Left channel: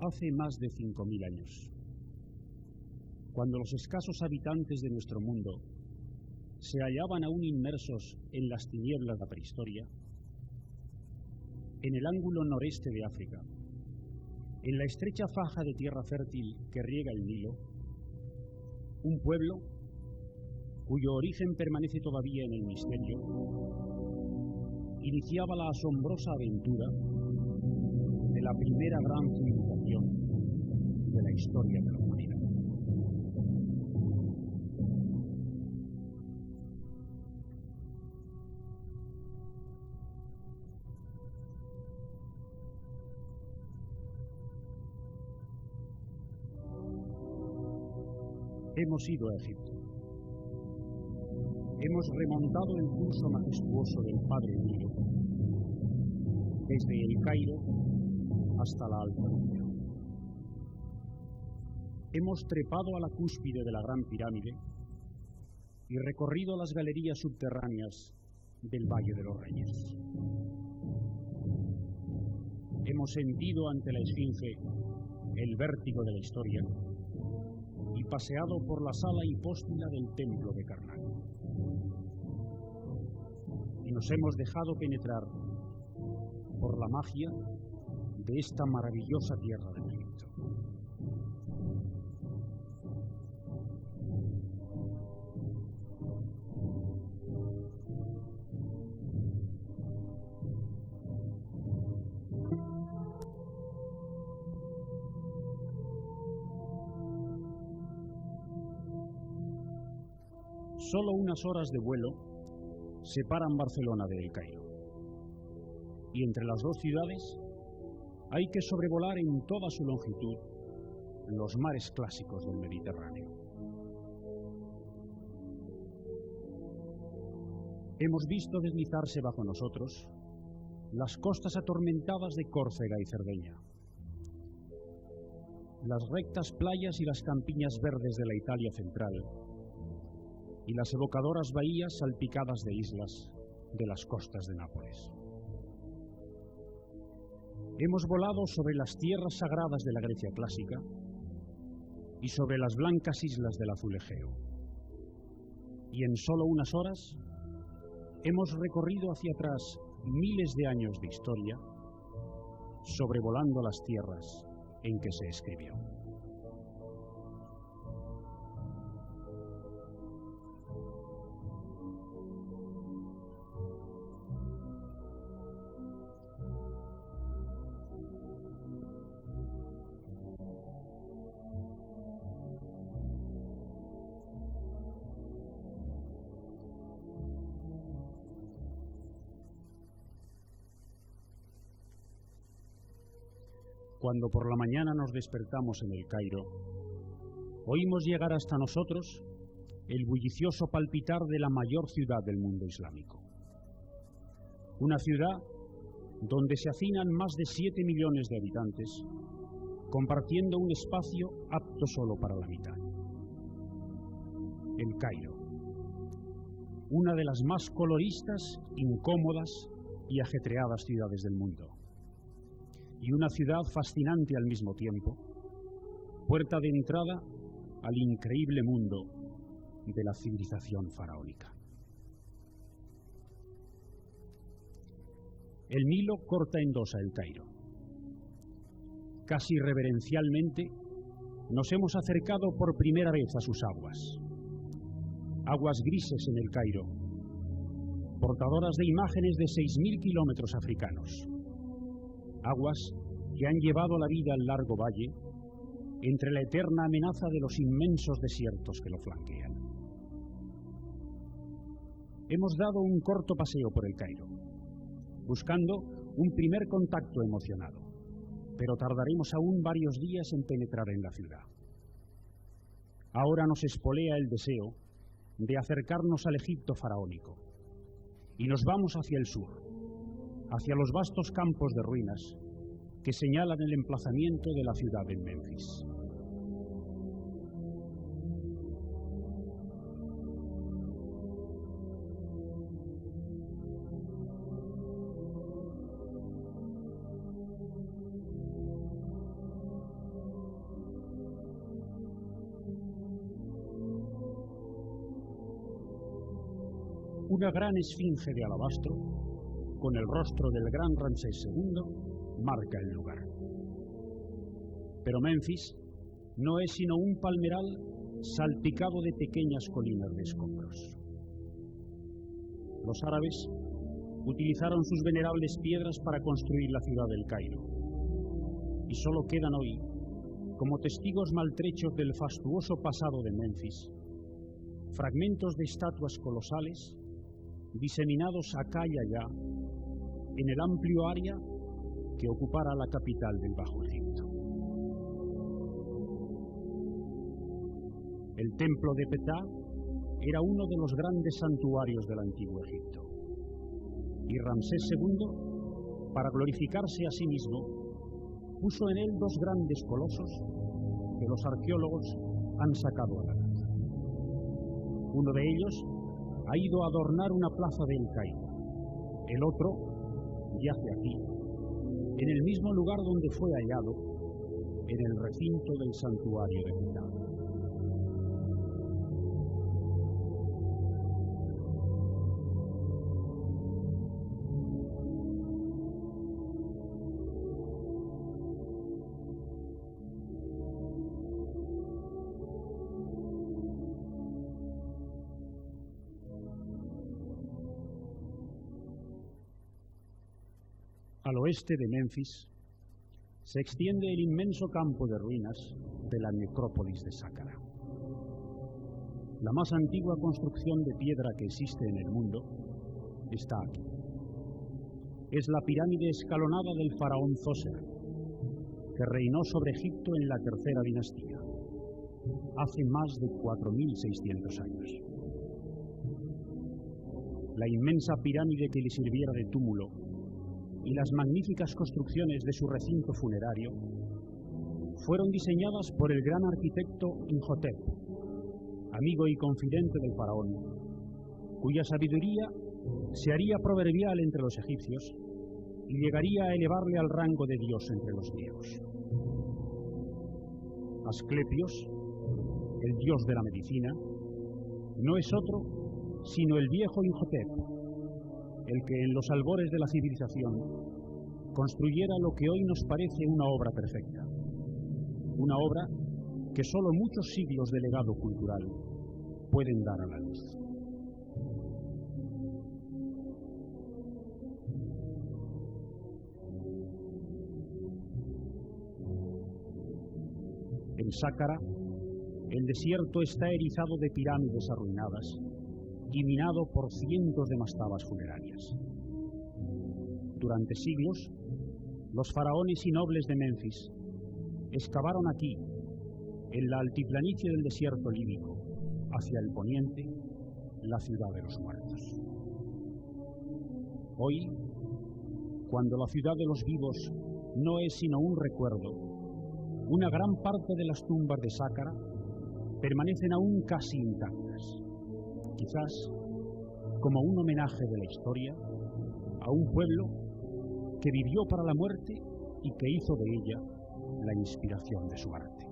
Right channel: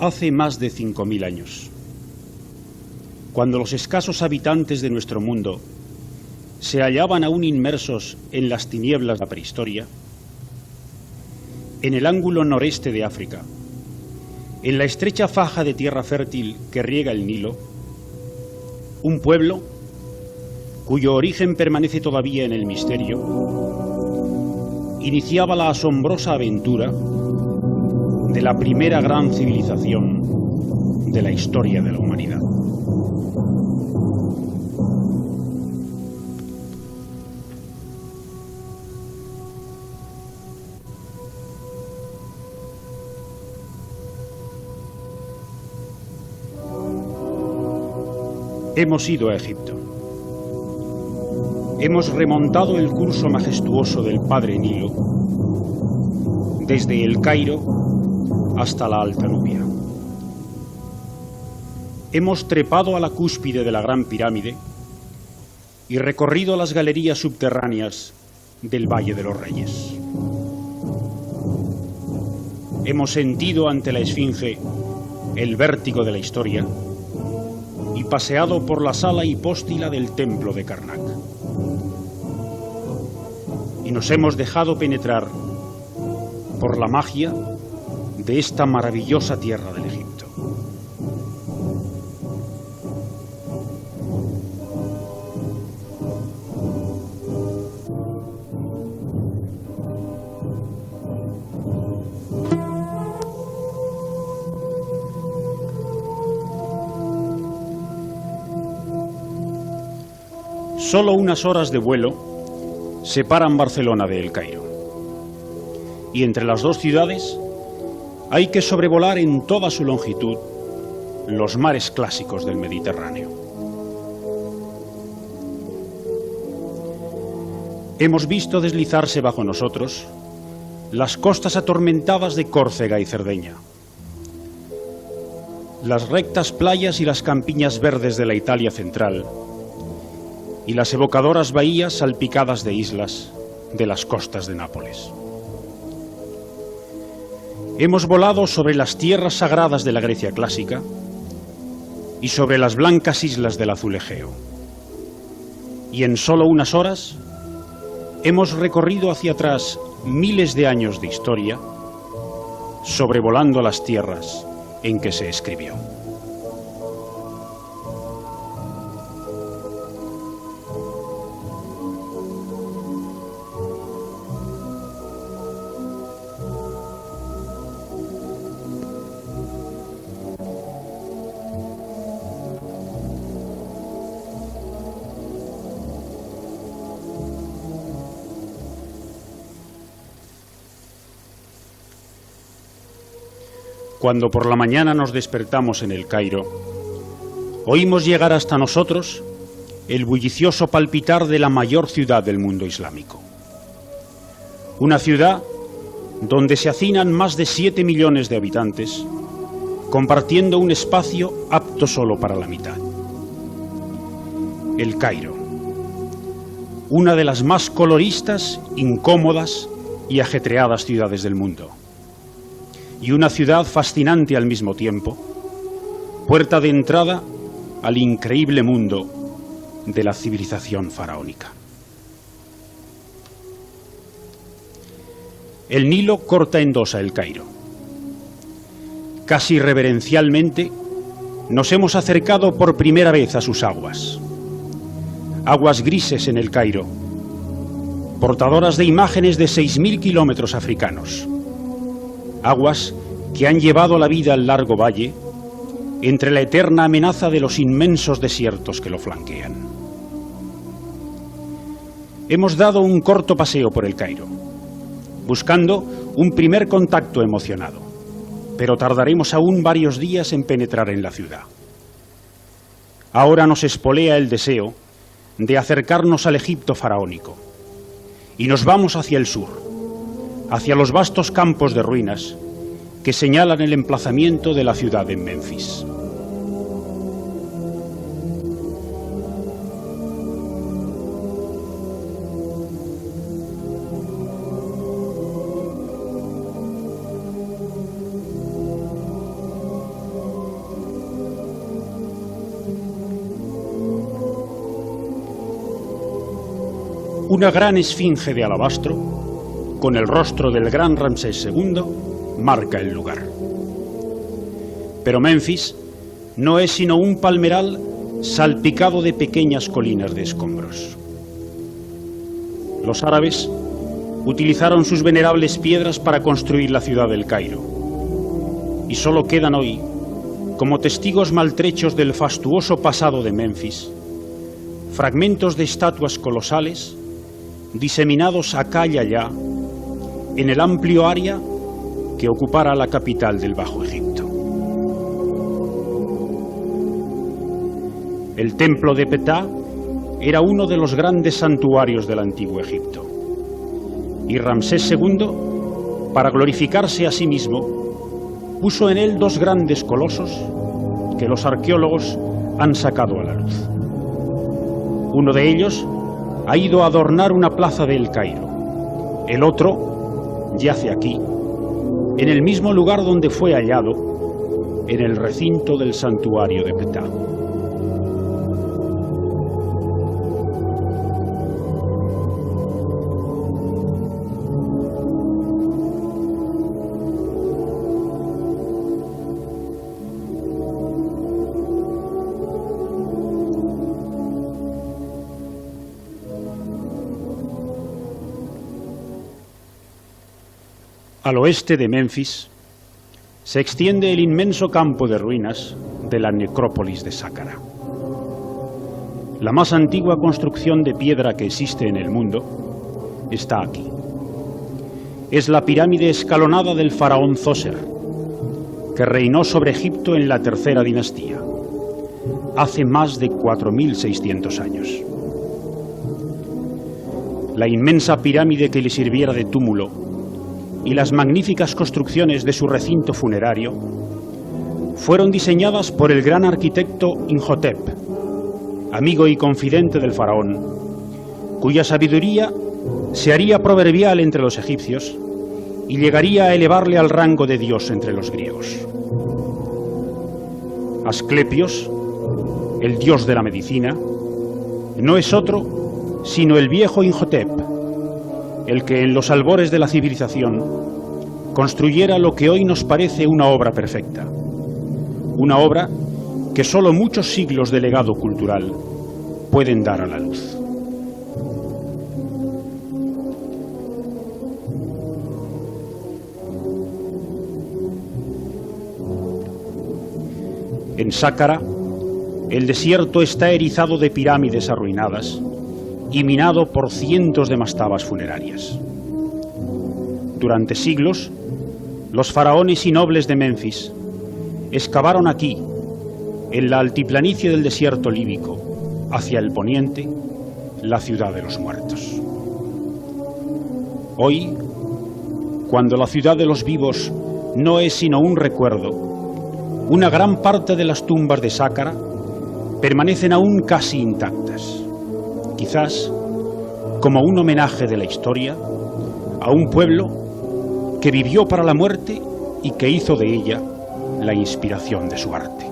Hace más de 5000 años, cuando los escasos habitantes de nuestro mundo se hallaban aún inmersos en las tinieblas de la prehistoria, en el ángulo noreste de África, en la estrecha faja de tierra fértil que riega el Nilo, un pueblo cuyo origen permanece todavía en el misterio, iniciaba la asombrosa aventura de la primera gran civilización de la historia de la humanidad. Hemos ido a Egipto. Hemos remontado el curso majestuoso del Padre Nilo, desde el Cairo hasta la Alta Nubia. Hemos trepado a la cúspide de la Gran Pirámide y recorrido las galerías subterráneas del Valle de los Reyes. Hemos sentido ante la Esfinge el vértigo de la historia y paseado por la sala hipóstila del templo de Karnak. Y nos hemos dejado penetrar por la magia de esta maravillosa tierra del Egipto. Solo unas horas de vuelo separan Barcelona de El Cairo. Y entre las dos ciudades hay que sobrevolar en toda su longitud los mares clásicos del Mediterráneo. Hemos visto deslizarse bajo nosotros las costas atormentadas de Córcega y Cerdeña, las rectas playas y las campiñas verdes de la Italia central, y las evocadoras bahías salpicadas de islas de las costas de Nápoles. Hemos volado sobre las tierras sagradas de la Grecia clásica y sobre las blancas islas del azul Egeo. Y en solo unas horas hemos recorrido hacia atrás miles de años de historia, sobrevolando las tierras en que se escribió. Cuando por la mañana nos despertamos en El Cairo, oímos llegar hasta nosotros el bullicioso palpitar de la mayor ciudad del mundo islámico. Una ciudad donde se hacinan más de 7 millones de habitantes, compartiendo un espacio apto solo para la mitad. El Cairo, una de las más coloristas, incómodas y ajetreadas ciudades del mundo. Y una ciudad fascinante al mismo tiempo, puerta de entrada al increíble mundo de la civilización faraónica. El Nilo corta en dos a El Cairo. Casi reverencialmente nos hemos acercado por primera vez a sus aguas. Aguas grises en El Cairo, portadoras de imágenes de 6000 kilómetros africanos. Aguas que han llevado la vida al largo valle entre la eterna amenaza de los inmensos desiertos que lo flanquean. Hemos dado un corto paseo por El Cairo, buscando un primer contacto emocionado, pero tardaremos aún varios días en penetrar en la ciudad. Ahora nos espolea el deseo de acercarnos al Egipto faraónico, y nos vamos hacia el sur, hacia los vastos campos de ruinas que señalan el emplazamiento de la ciudad en Menfis. una gran esfinge de alabastro, con el rostro del gran Ramsés II, marca el lugar. Pero Menfis no es sino un palmeral salpicado de pequeñas colinas de escombros. Los árabes utilizaron sus venerables piedras para construir la ciudad del Cairo, y solo quedan hoy, como testigos maltrechos del fastuoso pasado de Menfis, fragmentos de estatuas colosales diseminados acá y allá en el amplio área que ocupara la capital del Bajo Egipto. El templo de Petá era uno de los grandes santuarios del antiguo Egipto, y Ramsés II, para glorificarse a sí mismo, puso en él dos grandes colosos que los arqueólogos han sacado a la luz. Uno de ellos ha ido a adornar una plaza de El Cairo. El otro yace aquí, en el mismo lugar donde fue hallado, en el recinto del santuario de Petá. Al oeste de Menfis se extiende el inmenso campo de ruinas de la necrópolis de Sácara. La más antigua construcción de piedra que existe en el mundo está aquí. Es la pirámide escalonada del faraón Zoser, que reinó sobre Egipto en la tercera dinastía, hace más de 4.600 años. La inmensa pirámide que le sirviera de túmulo y las magníficas construcciones de su recinto funerario fueron diseñadas por el gran arquitecto Imhotep, amigo y confidente del faraón, cuya sabiduría se haría proverbial entre los egipcios y llegaría a elevarle al rango de dios entre los griegos. Asclepios, el dios de la medicina, no es otro sino el viejo Imhotep, el que en los albores de la civilización construyera lo que hoy nos parece una obra perfecta, una obra que solo muchos siglos de legado cultural pueden dar a la luz. En Sácara, el desierto está erizado de pirámides arruinadas y minado por cientos de mastabas funerarias. Durante siglos, los faraones y nobles de Menfis excavaron aquí, en la altiplanicie del desierto líbico, hacia el poniente, la ciudad de los muertos. Hoy, cuando la ciudad de los vivos no es sino un recuerdo, una gran parte de las tumbas de Sácara permanecen aún casi intactas, quizás como un homenaje de la historia a un pueblo que vivió para la muerte y que hizo de ella la inspiración de su arte.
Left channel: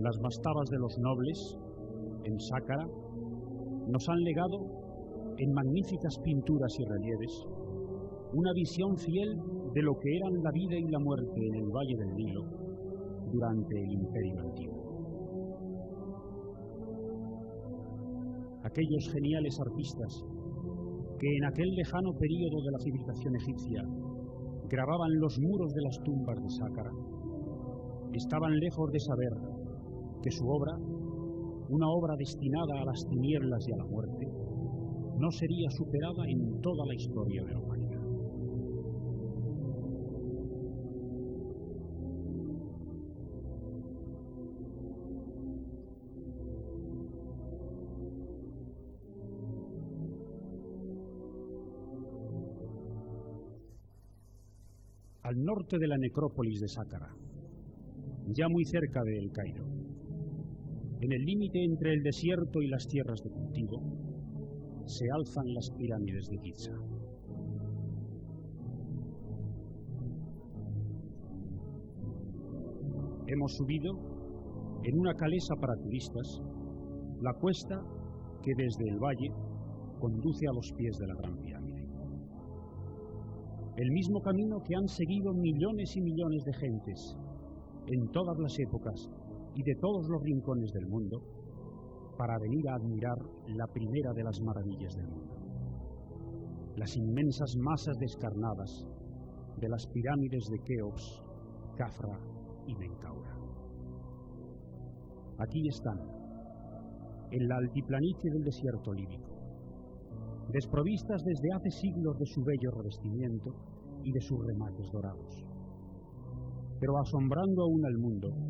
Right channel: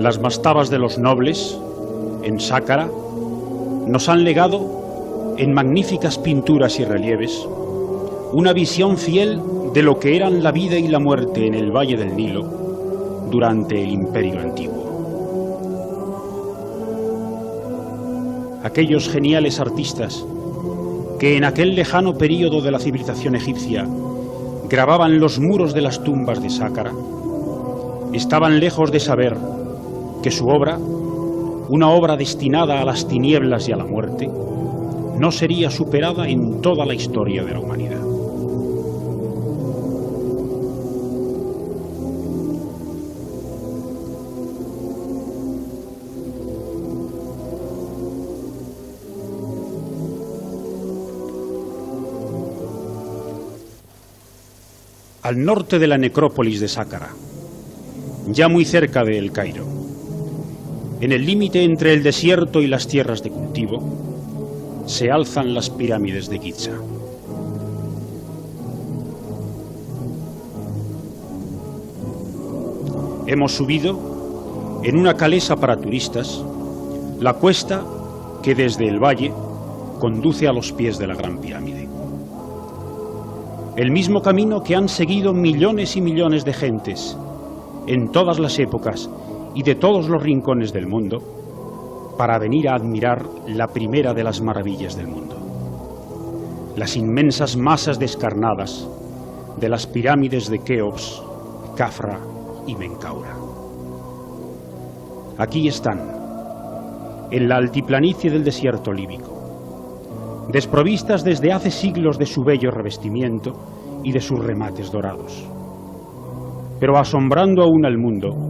Las mastabas de los nobles en Sácara nos han legado, en magníficas pinturas y relieves, una visión fiel de lo que eran la vida y la muerte en el Valle del Nilo durante el Imperio Antiguo. Aquellos geniales artistas que en aquel lejano período de la civilización egipcia grababan los muros de las tumbas de Sácara, estaban lejos de saber que su obra, una obra destinada a las tinieblas y a la muerte, no sería superada en toda la historia de la humanidad. Al norte de la necrópolis de Sácara, ya muy cerca de El Cairo, En el límite entre el desierto y las tierras de cultivo, se alzan las pirámides de Giza. Hemos subido, en una calesa para turistas, la cuesta que desde el valle conduce a los pies de la Gran Pirámide. El mismo camino que han seguido millones y millones de gentes en todas las épocas y de todos los rincones del mundo para venir a admirar la primera de las maravillas del mundo: las inmensas masas descarnadas de las pirámides de Keops, Khafra y Menkaura. Aquí están, en la altiplanicie del desierto líbico, desprovistas desde hace siglos de su bello revestimiento y de sus remates dorados, pero asombrando aún al mundo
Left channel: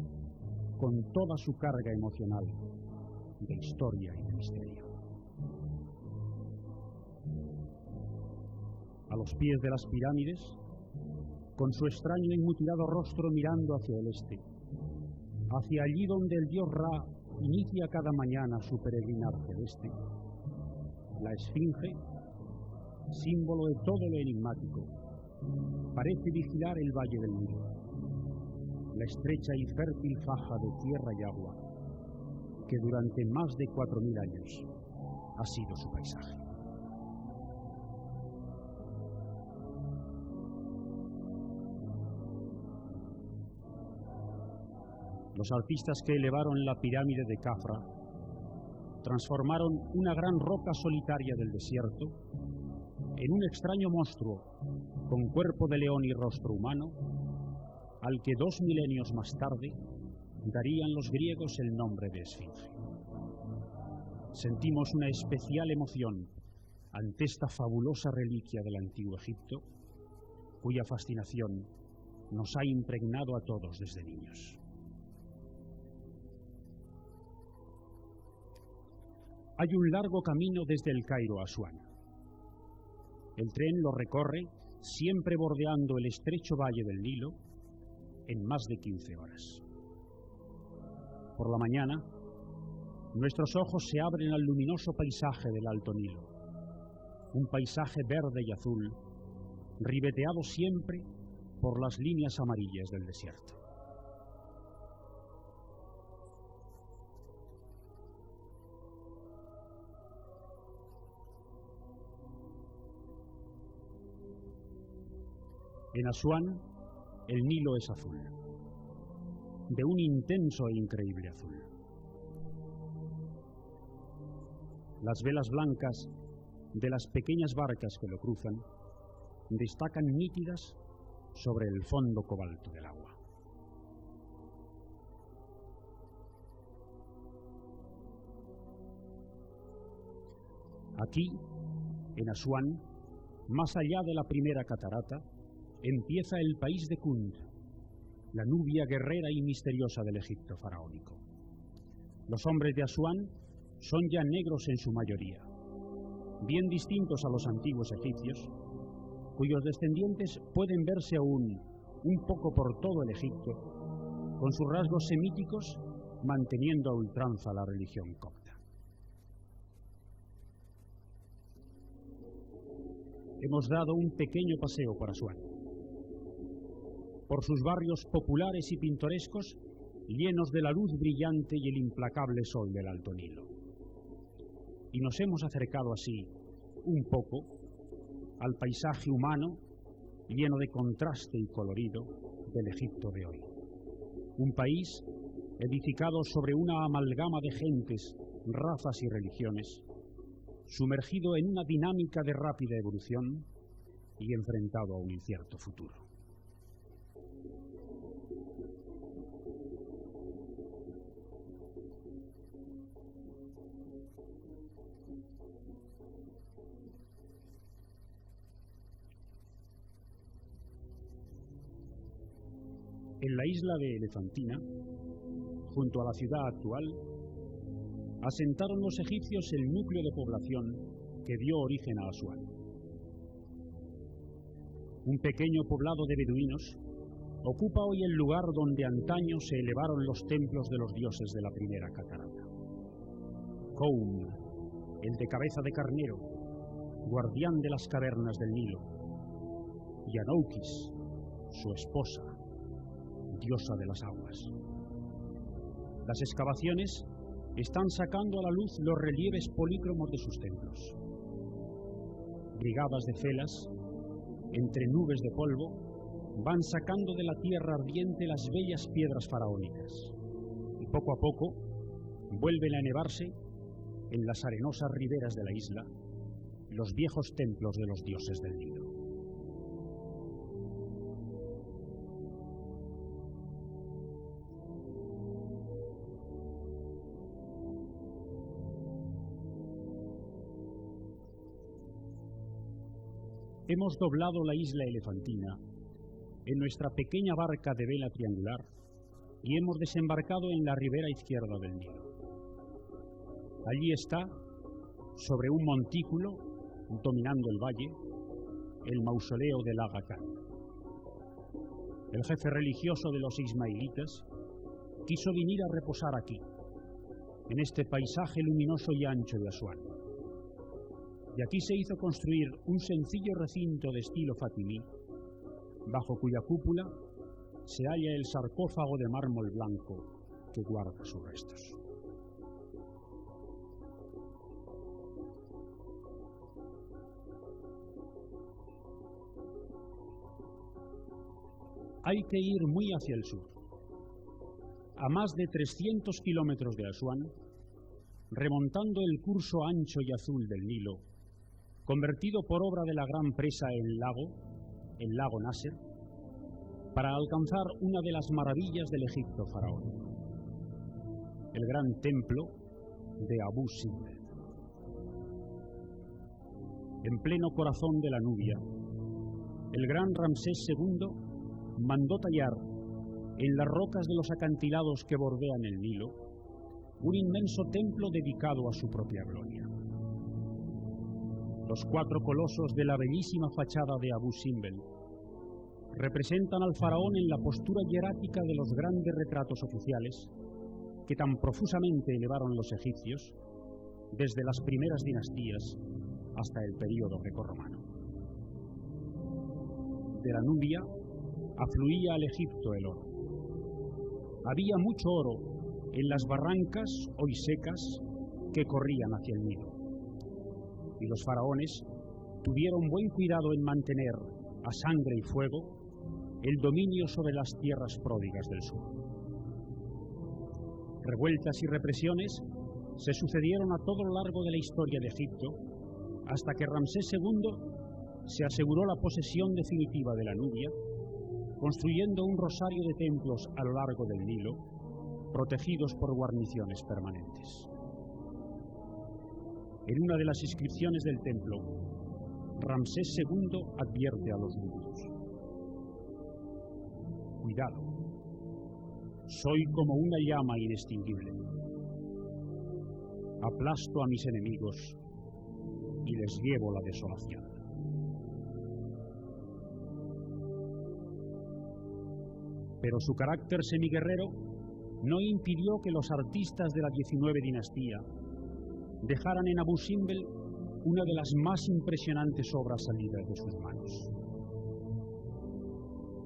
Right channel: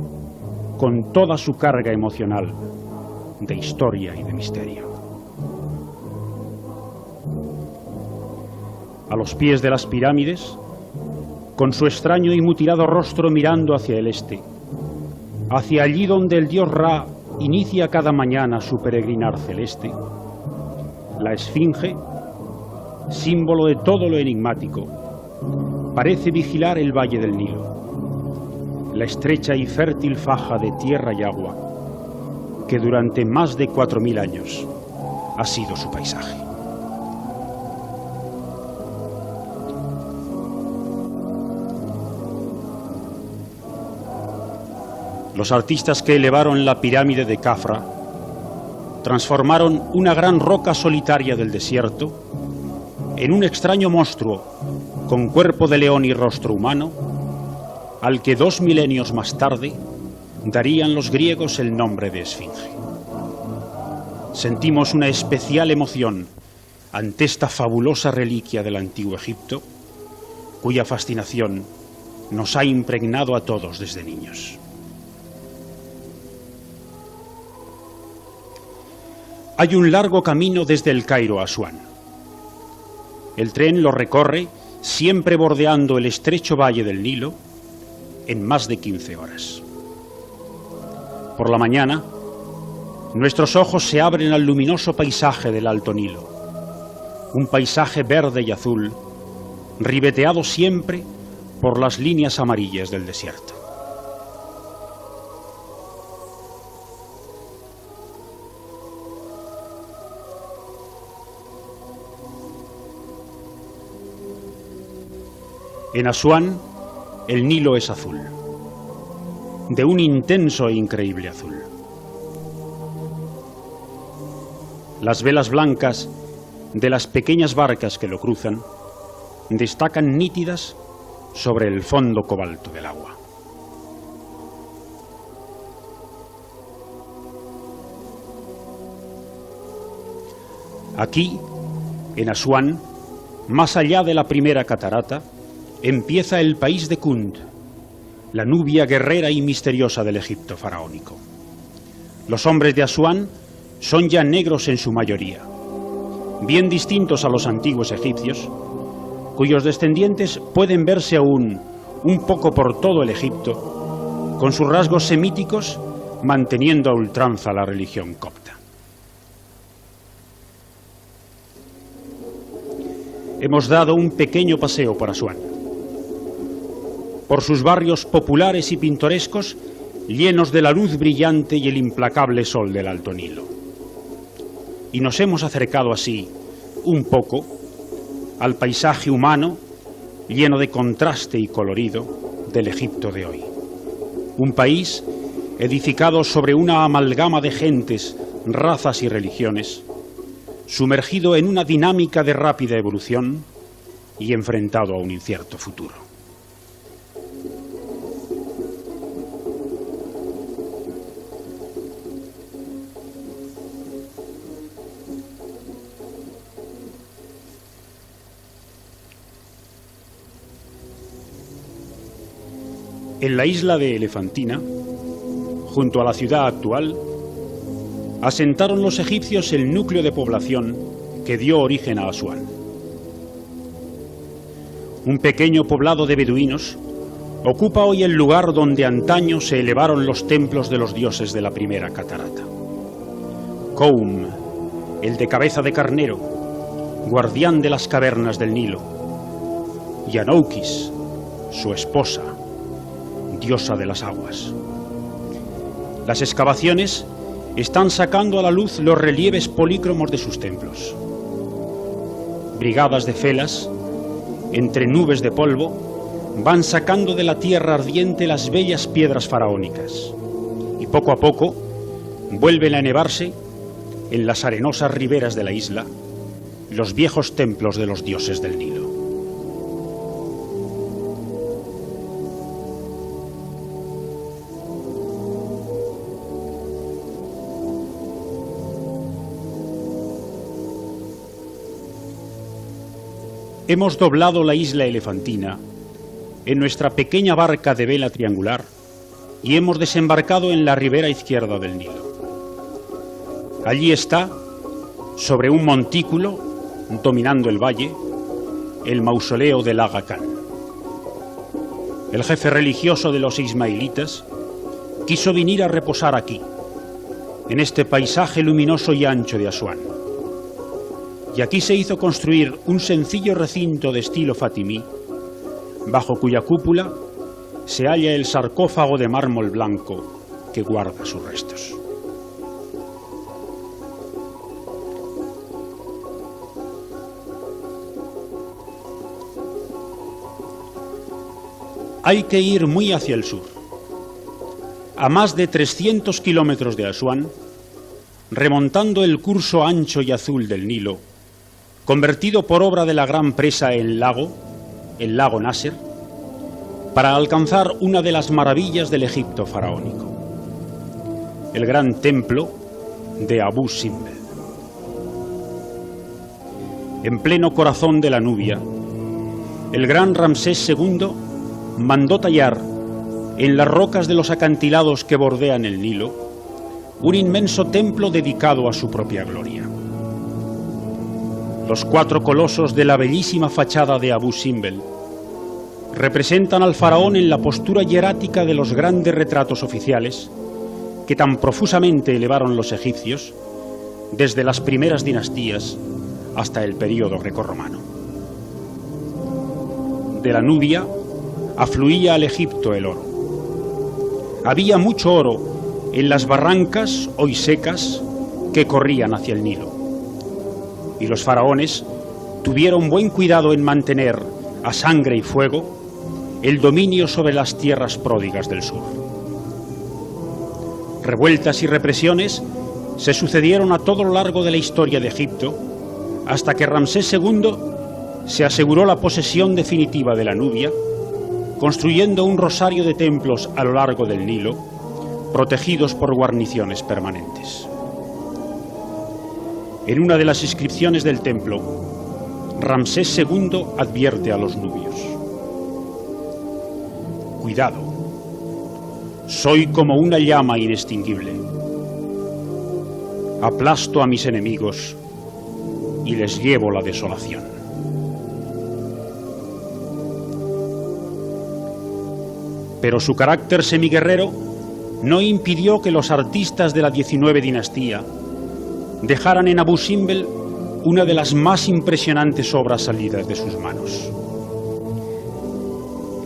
con toda su carga emocional de historia y de misterio. A los pies de las pirámides, con su extraño y mutilado rostro mirando hacia el este, hacia allí donde el dios Ra inicia cada mañana su peregrinar celeste, la Esfinge, símbolo de todo lo enigmático, parece vigilar el valle del Nilo, la estrecha y fértil faja de tierra y agua que durante más de 4000 años ha sido su paisaje. Los artistas que elevaron la pirámide de Khafra transformaron una gran roca solitaria del desierto en un extraño monstruo con cuerpo de león y rostro humano, al que 2 milenios más tarde darían los griegos el nombre de Esfinge. Sentimos una especial emoción ante esta fabulosa reliquia del antiguo Egipto, cuya fascinación nos ha impregnado a todos desde niños. Hay un largo camino desde el Cairo a Asuán. El tren lo recorre, siempre bordeando el estrecho valle del Nilo, en más de 15 horas. Por la mañana, nuestros ojos se abren al luminoso paisaje del Alto Nilo, un paisaje verde y azul, ribeteado siempre por las líneas amarillas del desierto. En Asuán, el Nilo es azul, de un intenso e increíble azul. Las velas blancas de las pequeñas barcas que lo cruzan destacan nítidas sobre el fondo cobalto del agua. Aquí, en Asuán, más allá de la primera catarata, empieza el país de Kund, la Nubia guerrera y misteriosa del Egipto faraónico. Los hombres de Asuán son ya negros en su mayoría, bien distintos a los antiguos egipcios, cuyos descendientes pueden verse aún un poco por todo el Egipto, con sus rasgos semíticos manteniendo a ultranza la religión copta. Hemos dado un pequeño paseo por Asuán, por sus barrios populares y pintorescos, llenos de la luz brillante y el implacable sol del Alto Nilo. Y nos hemos acercado así, un poco, al paisaje humano, lleno de contraste y colorido, del Egipto de hoy. Un país edificado sobre una amalgama de gentes, razas y religiones, sumergido en una dinámica de rápida evolución y enfrentado a un incierto futuro. En la isla de Elefantina, junto a la ciudad actual, asentaron los egipcios el núcleo de población que dio origen a Asuán. Un pequeño poblado de beduinos, ocupa hoy el lugar donde antaño se elevaron los templos de los dioses de la primera catarata. Koum, el de cabeza de carnero, guardián de las cavernas del Nilo, y Anoukis, su esposa, diosa de las aguas. Las excavaciones están sacando a la luz los relieves polícromos de sus templos. Brigadas de felas, entre nubes de polvo, van sacando de la tierra ardiente las bellas piedras faraónicas, y poco a poco vuelven a elevarse en las arenosas riberas de la isla los viejos templos de los dioses del Nilo. Hemos doblado la isla elefantina en nuestra pequeña barca de vela triangular y hemos desembarcado en la ribera izquierda del Nilo. Allí está, sobre un montículo, dominando el valle, el mausoleo del Aga Khan. El jefe religioso de los ismaelitas quiso venir a reposar aquí, en este paisaje luminoso y ancho de Asuán. Y aquí se hizo construir un sencillo recinto de estilo fatimí, bajo cuya cúpula se halla el sarcófago de mármol blanco que guarda sus restos. Hay que ir muy hacia el sur. A más de 300 kilómetros de Asuán, remontando el curso ancho y azul del Nilo, convertido por obra de la gran presa en lago, el lago Nasser, para alcanzar una de las maravillas del Egipto faraónico, el gran templo de Abu Simbel. En pleno corazón de la Nubia, el gran Ramsés II mandó tallar en las rocas de los acantilados que bordean el Nilo un inmenso templo dedicado a su propia gloria. Los 4 colosos de la bellísima fachada de Abu Simbel representan al faraón en la postura hierática de los grandes retratos oficiales que tan profusamente elevaron los egipcios desde las primeras dinastías hasta el período grecorromano. De la Nubia afluía al Egipto el oro. Había mucho oro en las barrancas hoy secas que corrían hacia el Nilo. Y los faraones tuvieron buen cuidado en mantener a sangre y fuego el dominio sobre las tierras pródigas del sur. Revueltas y represiones se sucedieron a todo lo largo de la historia de Egipto, hasta que Ramsés II se aseguró la posesión definitiva de la Nubia, construyendo un rosario de templos a lo largo del Nilo, protegidos por guarniciones permanentes. En una de las inscripciones del templo, Ramsés II advierte a los nubios: cuidado, soy como una llama inextinguible. Aplasto a mis enemigos y les llevo la desolación. Pero su carácter semiguerrero no impidió que los artistas de la 19 dinastía dejaran en Abu Simbel una de las más impresionantes obras salidas de sus manos.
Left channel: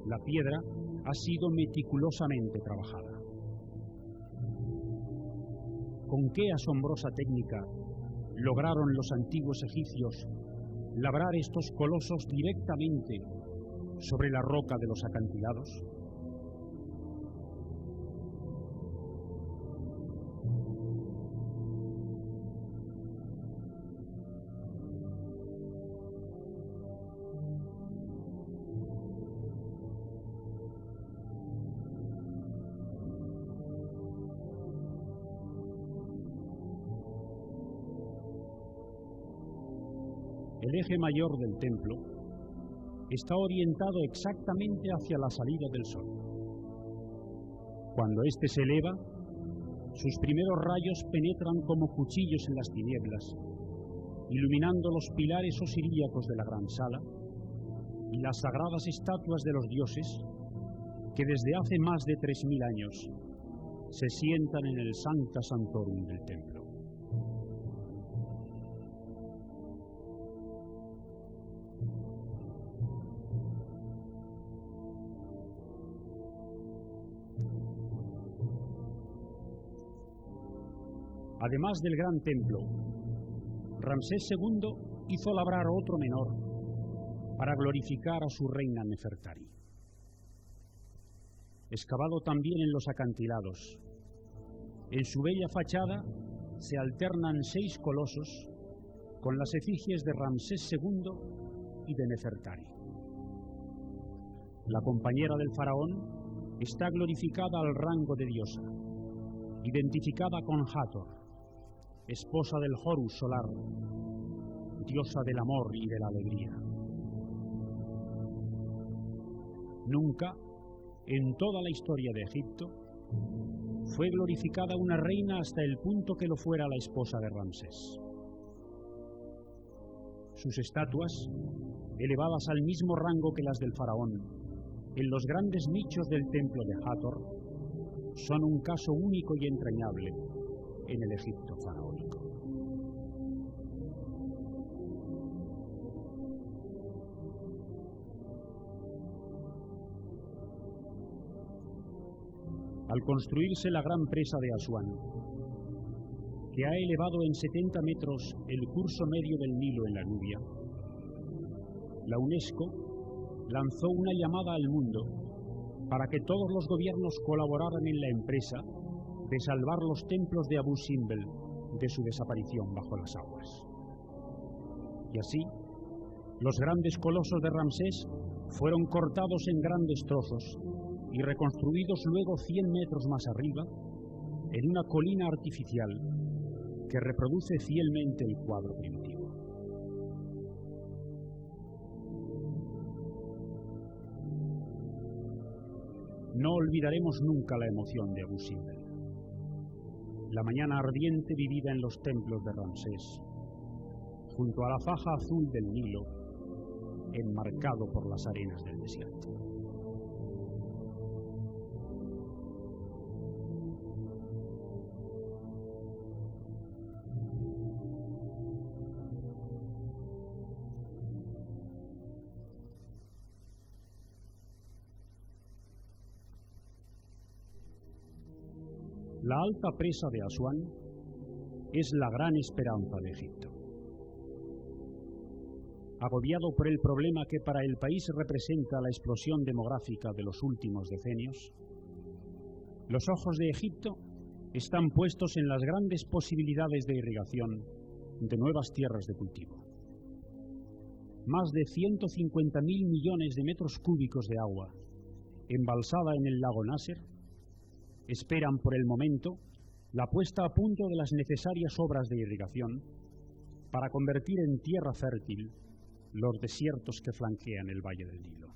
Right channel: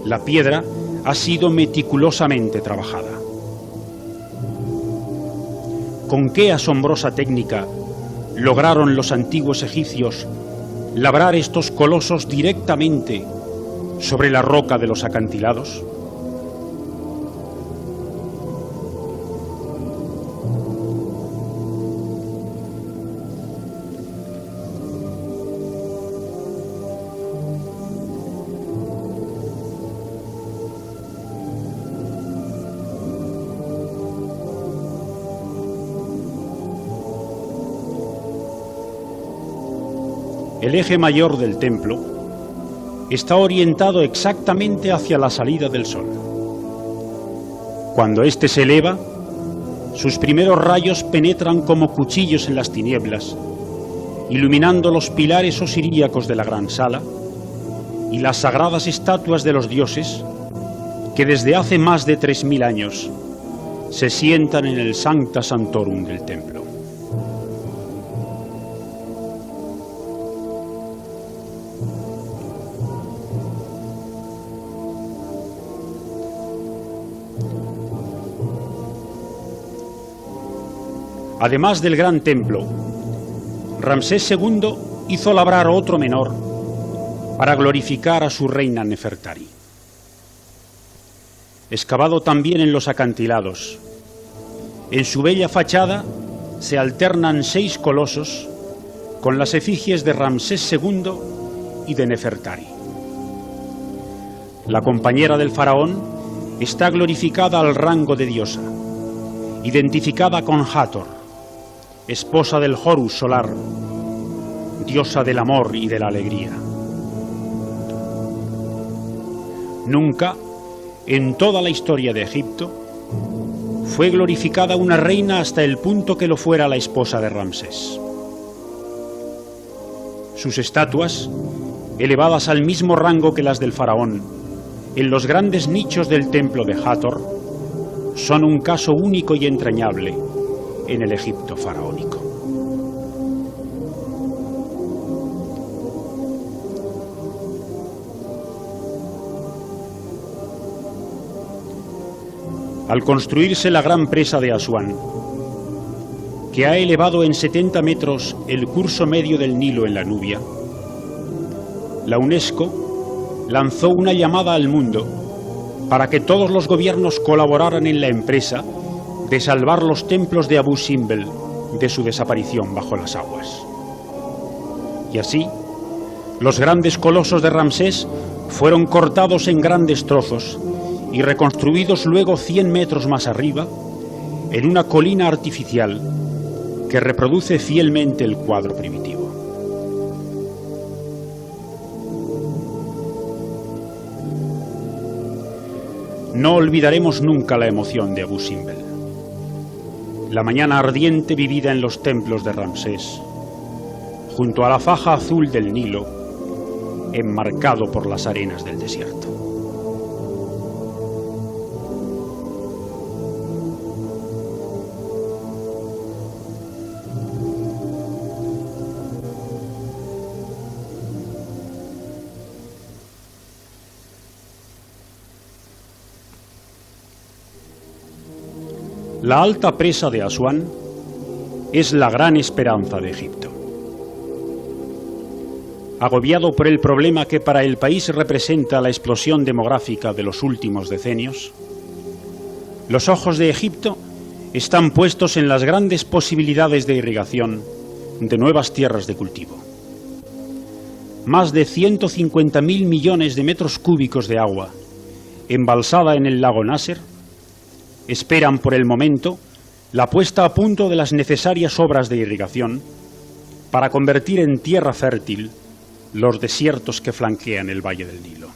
La piedra ha sido meticulosamente trabajada. Con qué asombrosa técnica lograron los antiguos egipcios labrar estos colosos directamente sobre la roca de los acantilados. El eje mayor del templo está orientado exactamente hacia la salida del sol. Cuando éste se eleva, sus primeros rayos penetran como cuchillos en las tinieblas, iluminando los pilares osiríacos de la gran sala y las sagradas estatuas de los dioses, que desde hace más de 3000 años se sientan en el Sancta Sanctorum del templo. Además del gran templo, Ramsés II hizo labrar otro menor para glorificar a su reina Nefertari. Excavado también en los acantilados, en su bella fachada se alternan 6 colosos con las efigies de Ramsés II y de Nefertari. La compañera del faraón está glorificada al rango de diosa, identificada con Hathor, esposa del Horus solar, diosa del amor y de la alegría. Nunca, en toda la historia de Egipto, fue glorificada una reina hasta el punto que lo fuera la esposa de Ramsés. Sus estatuas, elevadas al mismo rango que las del faraón, en los grandes nichos del templo de Hathor, son un caso único y entrañable en el Egipto faraónico. Al construirse la gran presa de Asuán, que ha elevado en 70 metros el curso medio del Nilo en la Nubia, la UNESCO lanzó una llamada al mundo para que todos los gobiernos colaboraran en la empresa de salvar los templos de Abu Simbel de su desaparición bajo las aguas. Y así, los grandes colosos de Ramsés fueron cortados en grandes trozos y reconstruidos luego 100 metros más arriba en una colina artificial que reproduce fielmente el cuadro primitivo. No olvidaremos nunca la emoción de Abu Simbel, la mañana ardiente vivida en los templos de Ramsés, junto a la faja azul del Nilo, enmarcado por las arenas del desierto. La alta presa de Asuán es la gran esperanza de Egipto. Agobiado por el problema que para el país representa la explosión demográfica de los últimos decenios, los ojos de Egipto están puestos en las grandes posibilidades de irrigación de nuevas tierras de cultivo. Más de 150.000 millones de metros cúbicos de agua, embalsada en el lago Nasser, esperan por el momento la puesta a punto de las necesarias obras de irrigación para convertir en tierra fértil los desiertos que flanquean el valle del Nilo.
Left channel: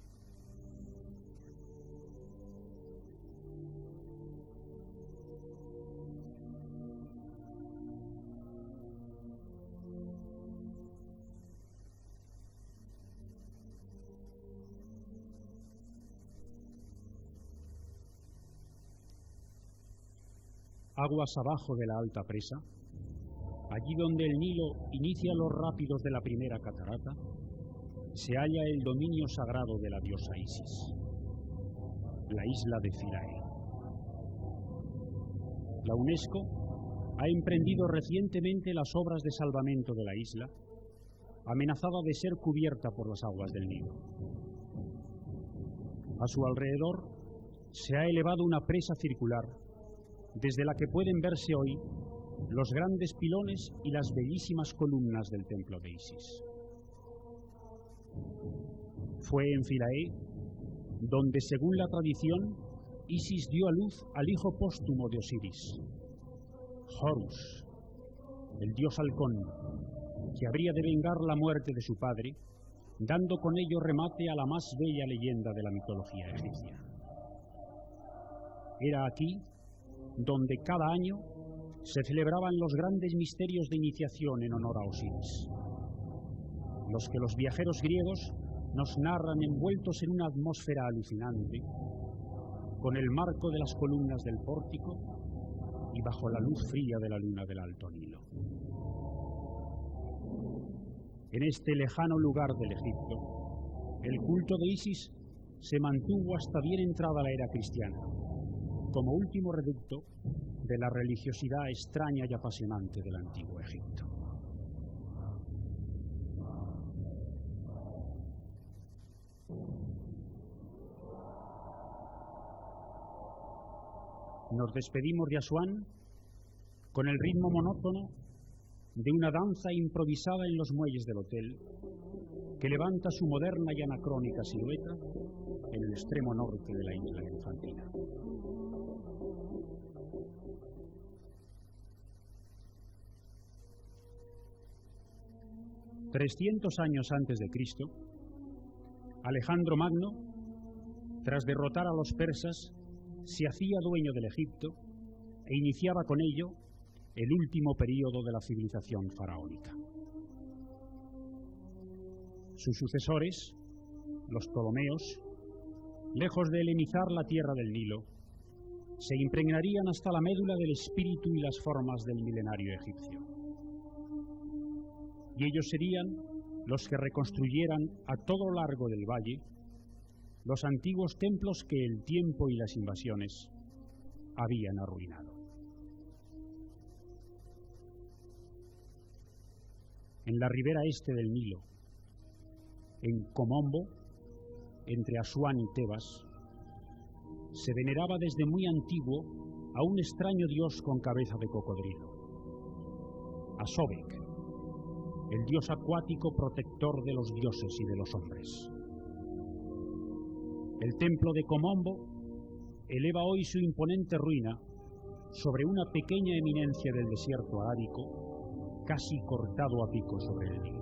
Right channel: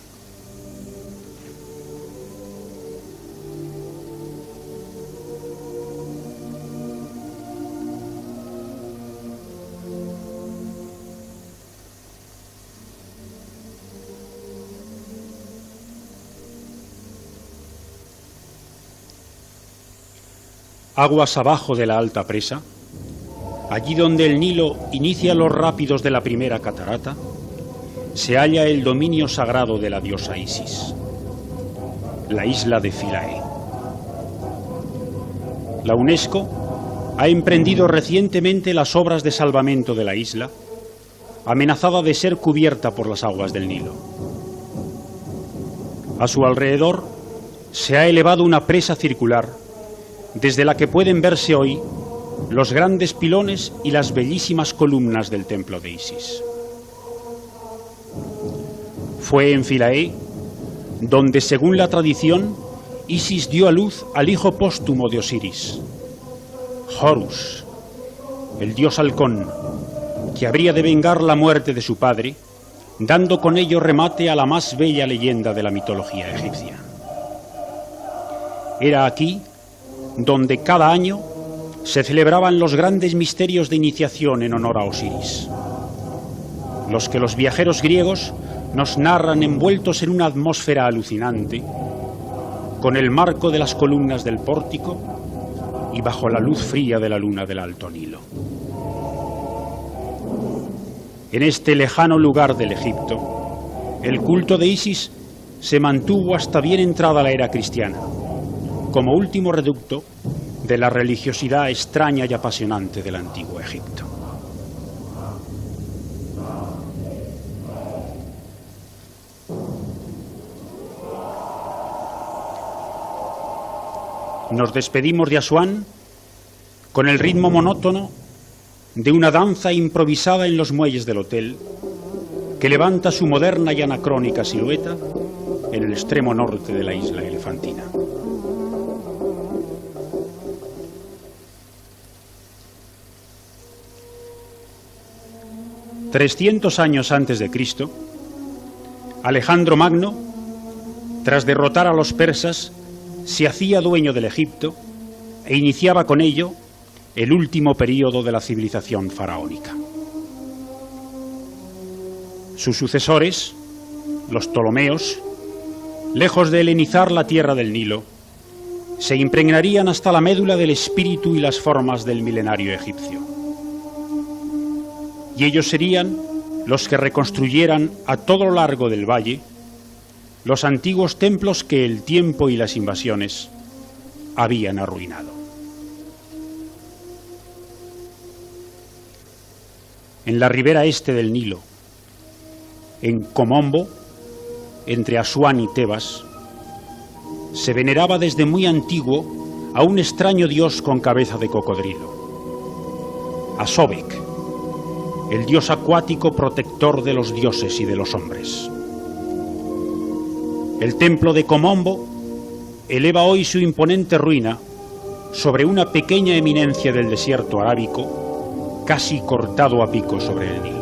Aguas abajo de la alta presa, allí donde el Nilo inicia los rápidos de la primera catarata, se halla el dominio sagrado de la diosa Isis, la isla de Philae. La UNESCO ha emprendido recientemente las obras de salvamento de la isla, amenazada de ser cubierta por las aguas del Nilo. A su alrededor se ha elevado una presa circular desde la que pueden verse hoy los grandes pilones y las bellísimas columnas del templo de Isis. Fue en Philae donde, según la tradición, Isis dio a luz al hijo póstumo de Osiris, Horus, el dios halcón, que habría de vengar la muerte de su padre, dando con ello remate a la más bella leyenda de la mitología egipcia. Era aquí donde cada año se celebraban los grandes misterios de iniciación en honor a Osiris, los que los viajeros griegos nos narran envueltos en una atmósfera alucinante con el marco de las columnas del pórtico y bajo la luz fría de la luna del Alto Nilo. En este lejano lugar del Egipto, el culto de Isis se mantuvo hasta bien entrada la era cristiana, como último reducto de la religiosidad extraña y apasionante del antiguo Egipto. Nos despedimos de Asuán con el ritmo monótono de una danza improvisada en los muelles del hotel que levanta su moderna y anacrónica silueta en el extremo norte de la isla elefantina. $300 años antes de Cristo, Alejandro Magno, tras derrotar a los persas, se hacía dueño del Egipto e iniciaba con ello el último período de la civilización faraónica. Sus sucesores, los Ptolomeos, lejos de helenizar la tierra del Nilo, se impregnarían hasta la médula del espíritu y las formas del milenario egipcio. Y ellos serían los que reconstruyeran a todo lo largo del valle los antiguos templos que el tiempo y las invasiones habían arruinado. En la ribera este del Nilo, en Komombo, entre Asuán y Tebas, se veneraba desde muy antiguo a un extraño dios con cabeza de cocodrilo, a Sobek, el dios acuático protector de los dioses y de los hombres. El templo de Komombo eleva hoy su imponente ruina sobre una pequeña eminencia del desierto arábico, casi cortado a pico sobre el Nilo.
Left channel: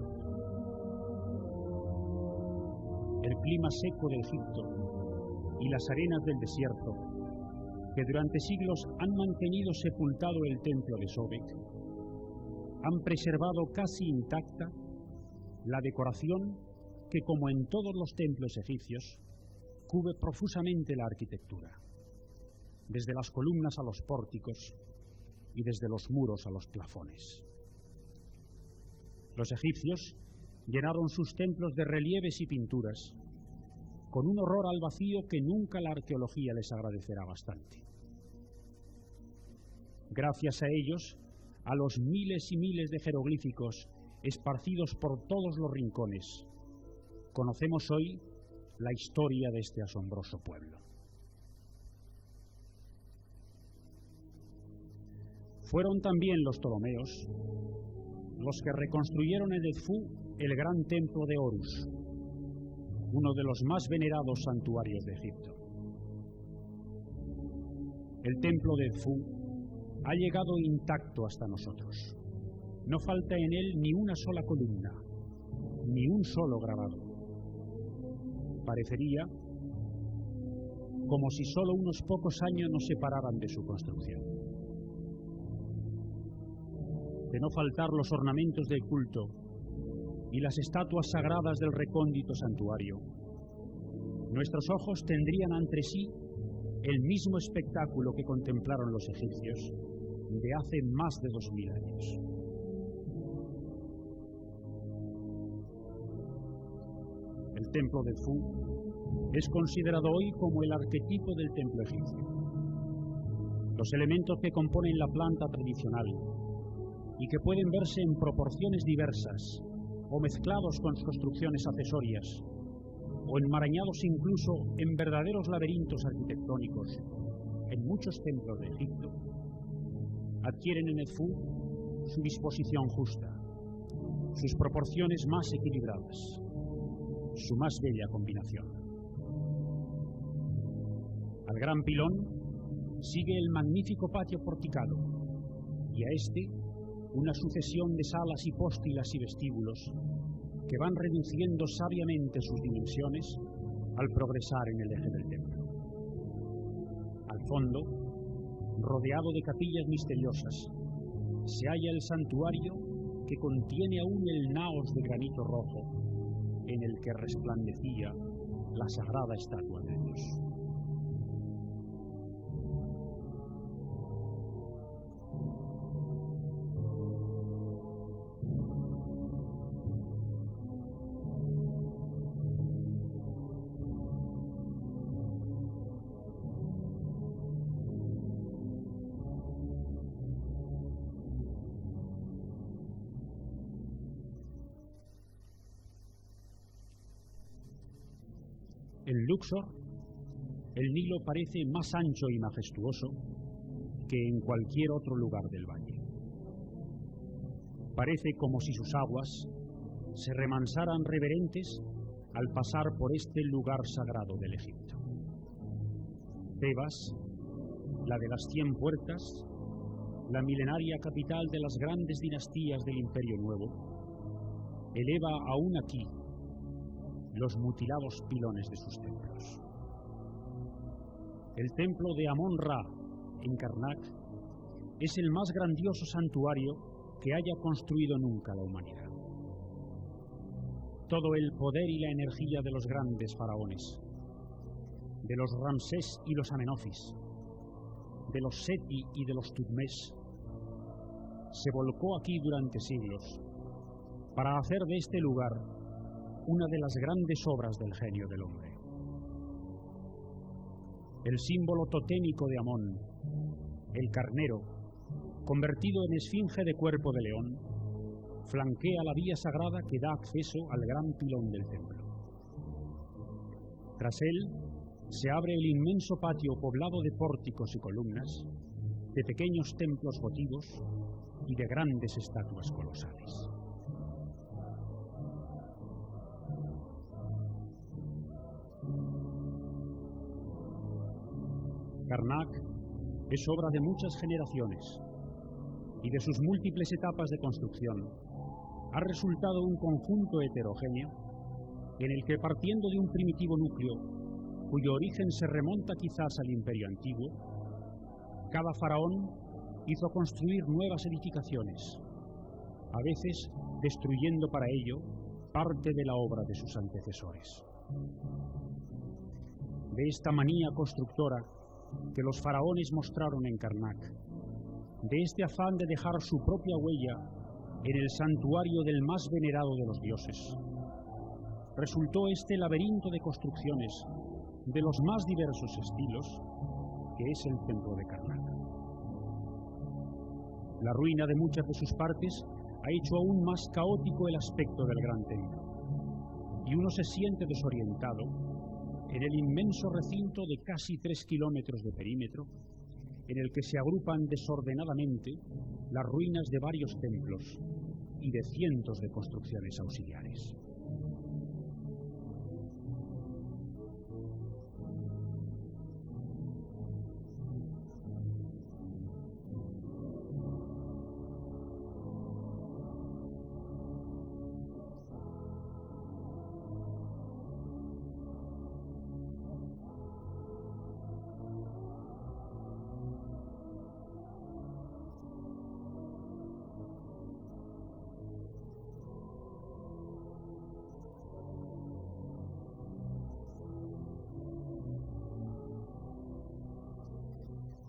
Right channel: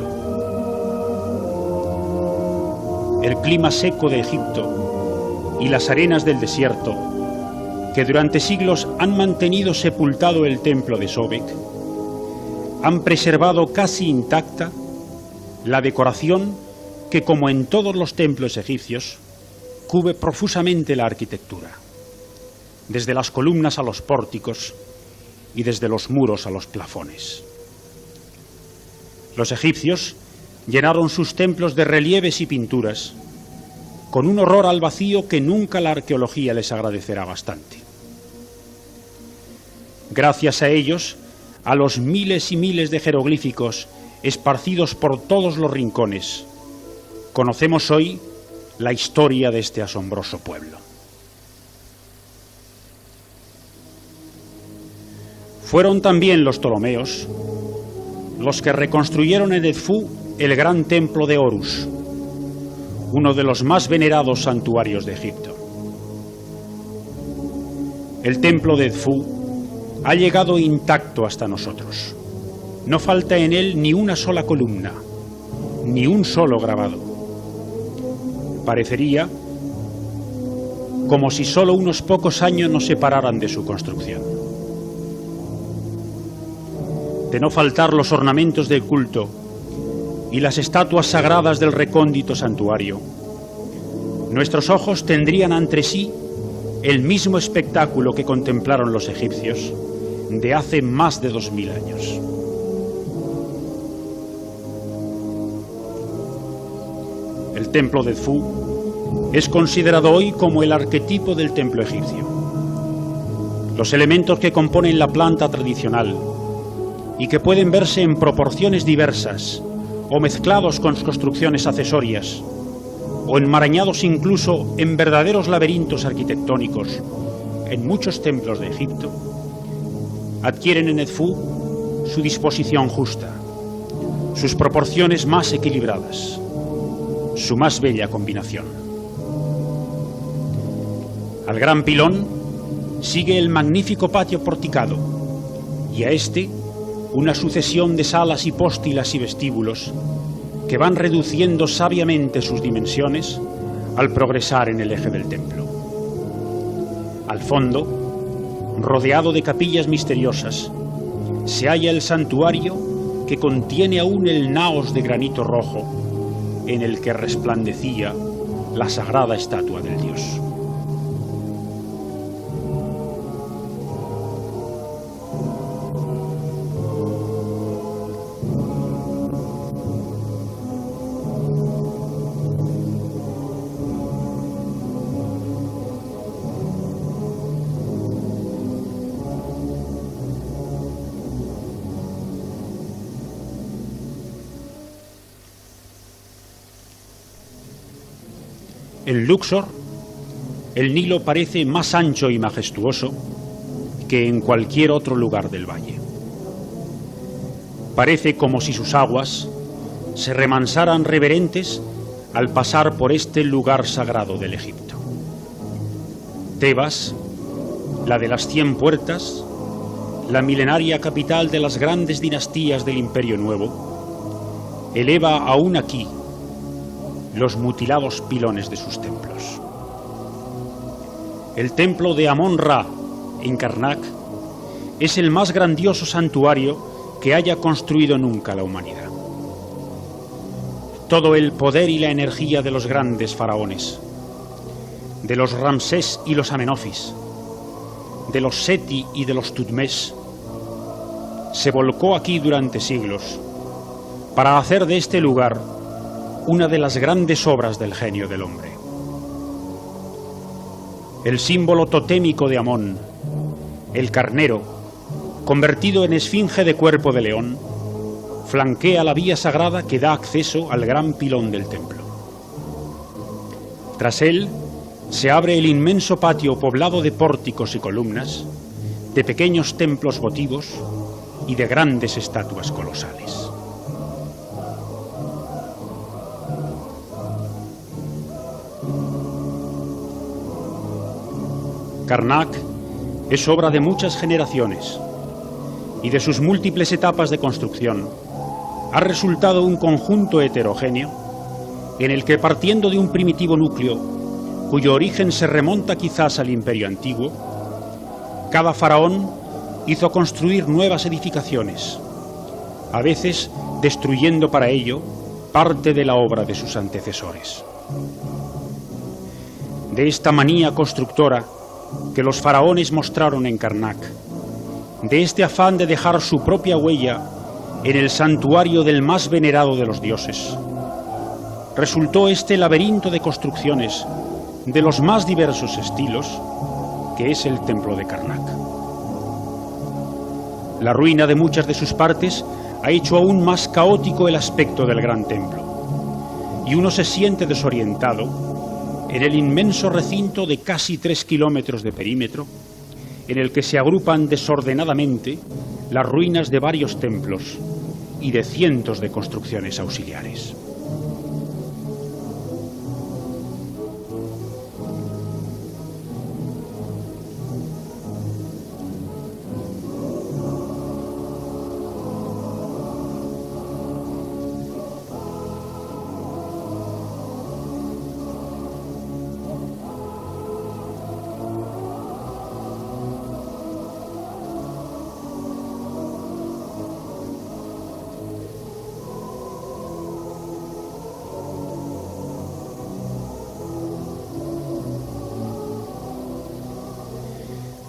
El clima seco de Egipto y las arenas del desierto, que durante siglos han mantenido sepultado el templo de Sobek, han preservado casi intacta la decoración que, como en todos los templos egipcios, cubre profusamente la arquitectura, desde las columnas a los pórticos y desde los muros a los plafones. Los egipcios llenaron sus templos de relieves y pinturas, con un horror al vacío que nunca la arqueología les agradecerá bastante. Gracias a ellos, a los miles y miles de jeroglíficos esparcidos por todos los rincones, conocemos hoy la historia de este asombroso pueblo. Fueron también los Ptolomeos los que reconstruyeron en Edfú el gran templo de Horus, uno de los más venerados santuarios de Egipto. El templo de Edfú ha llegado intacto hasta nosotros. No falta en él ni una sola columna, ni un solo grabado. Parecería como si solo unos pocos años nos separaran de su construcción. De no faltar los ornamentos del culto y las estatuas sagradas del recóndito santuario, nuestros ojos tendrían ante sí el mismo espectáculo que contemplaron los egipcios de hace más de 2000 años. El templo de Edfú es considerado hoy como el arquetipo del templo egipcio. Los elementos que componen la planta tradicional y que pueden verse en proporciones diversas o mezclados con construcciones accesorias o enmarañados incluso en verdaderos laberintos arquitectónicos en muchos templos de Egipto, adquieren en Edfú su disposición justa, sus proporciones más equilibradas, su más bella combinación. Al gran pilón sigue el magnífico patio porticado y a este una sucesión de salas hipóstilas y vestíbulos que van reduciendo sabiamente sus dimensiones al progresar en el eje del templo. Al fondo, rodeado de capillas misteriosas, se halla el santuario que contiene aún el naos de granito rojo en el que resplandecía la sagrada estatua del dios. En Luxor, el Nilo parece más ancho y majestuoso que en cualquier otro lugar del valle. Parece como si sus aguas se remansaran reverentes al pasar por este lugar sagrado del Egipto. Tebas, la de las 100 puertas, la milenaria capital de las grandes dinastías del Imperio Nuevo, eleva aún aquí los mutilados pilones de sus templos. El templo de Amón-Ra en Karnak es el más grandioso santuario que haya construido nunca la humanidad. Todo el poder y la energía de los grandes faraones, de los Ramsés y los Amenofis, de los Seti y de los Tutmés, se volcó aquí durante siglos para hacer de este lugar una de las grandes obras del genio del hombre. El símbolo totémico de Amón, el carnero, convertido en esfinge de cuerpo de león, flanquea la vía sagrada que da acceso al gran pilón del templo. Tras él se abre el inmenso patio poblado de pórticos y columnas, de pequeños templos votivos y de grandes estatuas colosales. Karnak es obra de muchas generaciones y de sus múltiples etapas de construcción ha resultado un conjunto heterogéneo en el que, partiendo de un primitivo núcleo cuyo origen se remonta quizás al Imperio Antiguo, cada faraón hizo construir nuevas edificaciones, a veces destruyendo para ello parte de la obra de sus antecesores. De esta manía constructora que los faraones mostraron en Karnak, de este afán de dejar su propia huella en el santuario del más venerado de los dioses, resultó este laberinto de construcciones de los más diversos estilos, que es el templo de Karnak. La ruina de muchas de sus partes ha hecho aún más caótico el aspecto del gran templo, y uno se siente desorientado en el inmenso recinto de casi 3 kilómetros de perímetro, en el que se agrupan desordenadamente las ruinas de varios templos y de cientos de construcciones auxiliares.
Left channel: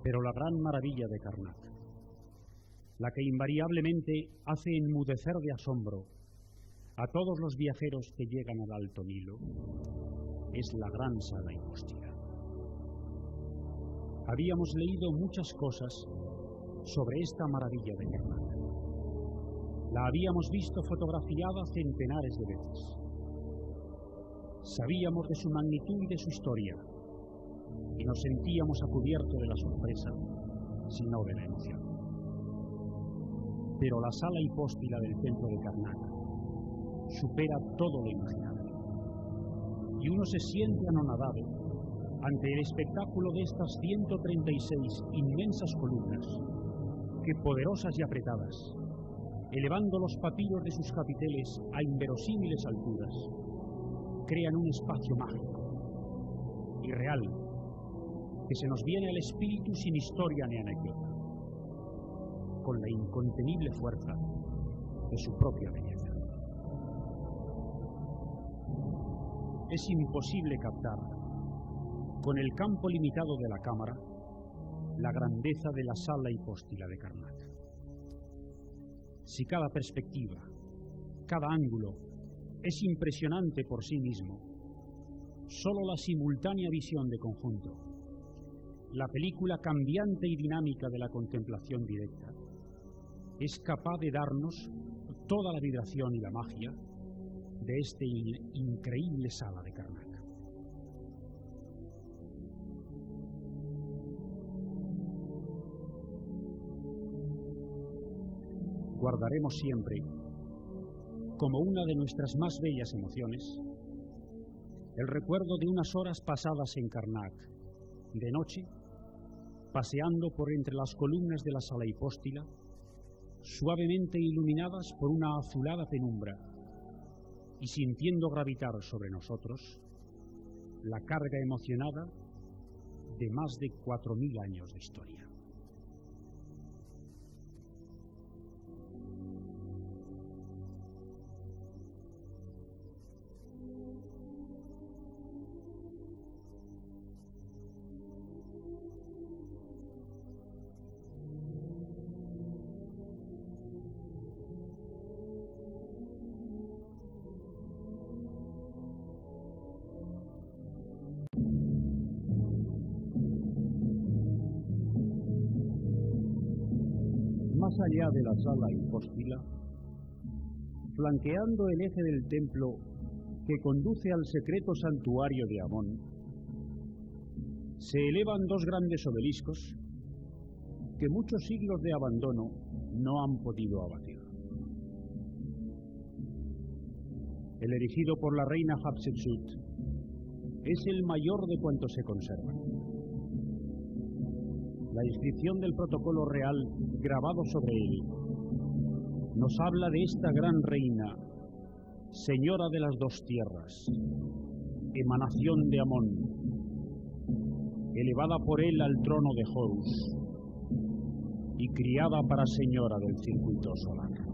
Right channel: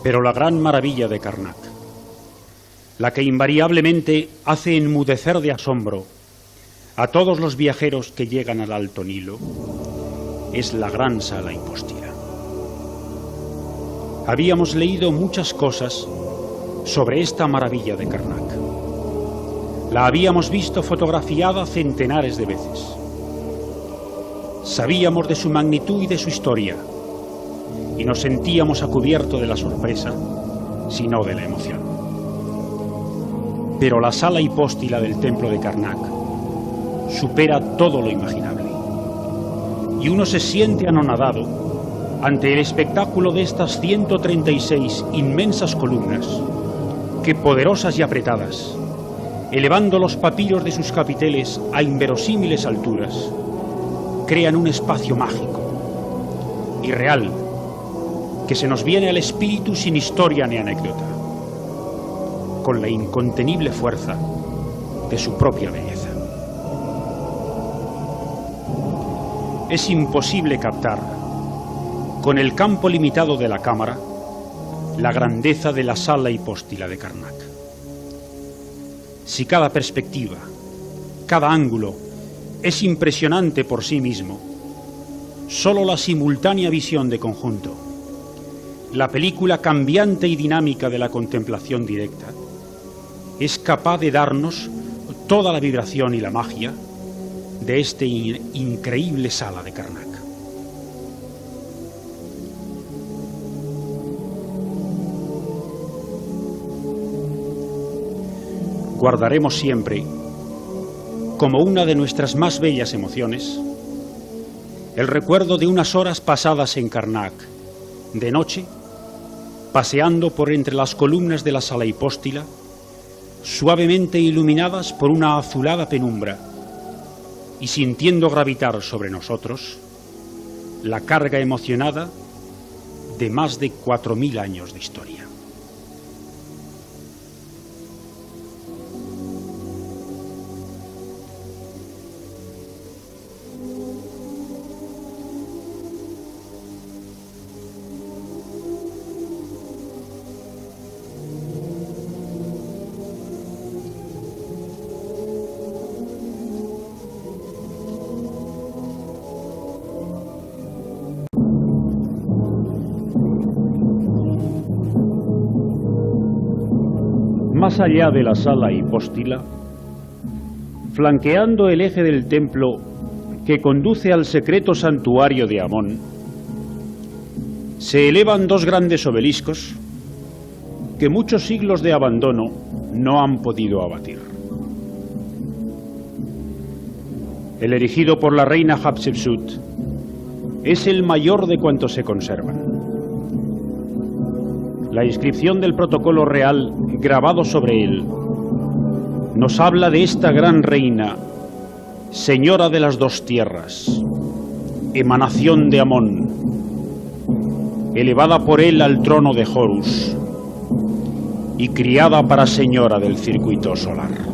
Pero la gran maravilla de Karnak, la que invariablemente hace enmudecer de asombro a todos los viajeros que llegan al Alto Nilo, es la gran sala hipóstila. Habíamos leído muchas cosas sobre esta maravilla de Karnak. La habíamos visto fotografiada centenares de veces. Sabíamos de su magnitud y de su historia, y nos sentíamos a cubierto de la sorpresa, si no de la emoción. Pero la sala hipóstila del templo de Karnak supera todo lo imaginable, y uno se siente anonadado ante el espectáculo de estas 136 inmensas columnas que, poderosas y apretadas, elevando los papiros de sus capiteles a inverosímiles alturas, crean un espacio mágico, irreal, que se nos viene al espíritu sin historia ni anécdota, con la incontenible fuerza de su propia belleza. Es imposible captar, con el campo limitado de la cámara, la grandeza de la sala hipóstila de Karnak. Si cada perspectiva, cada ángulo es impresionante por sí mismo, solo la simultánea visión de conjunto, la película cambiante y dinámica de la contemplación directa, es capaz de darnos toda la vibración y la magia de esta increíble sala de Karnak. guardaremos siempre, como una de nuestras más bellas emociones, el recuerdo de unas horas pasadas en Karnak, de noche, paseando por entre las columnas de la sala hipóstila, suavemente iluminadas por una azulada penumbra, y sintiendo gravitar sobre nosotros la carga emocionada de más de 4000 años de historia. Más allá de la sala hipóstila, flanqueando el eje del templo que conduce al secreto santuario de Amón, se elevan dos grandes obeliscos que muchos siglos de abandono no han podido abatir. El erigido por la reina Hatshepsut es el mayor de cuantos se conservan. La inscripción del protocolo real grabado sobre él nos habla de esta gran reina, señora de las dos tierras, emanación de Amón, elevada por él al trono de Horus y criada para señora del circuito solar.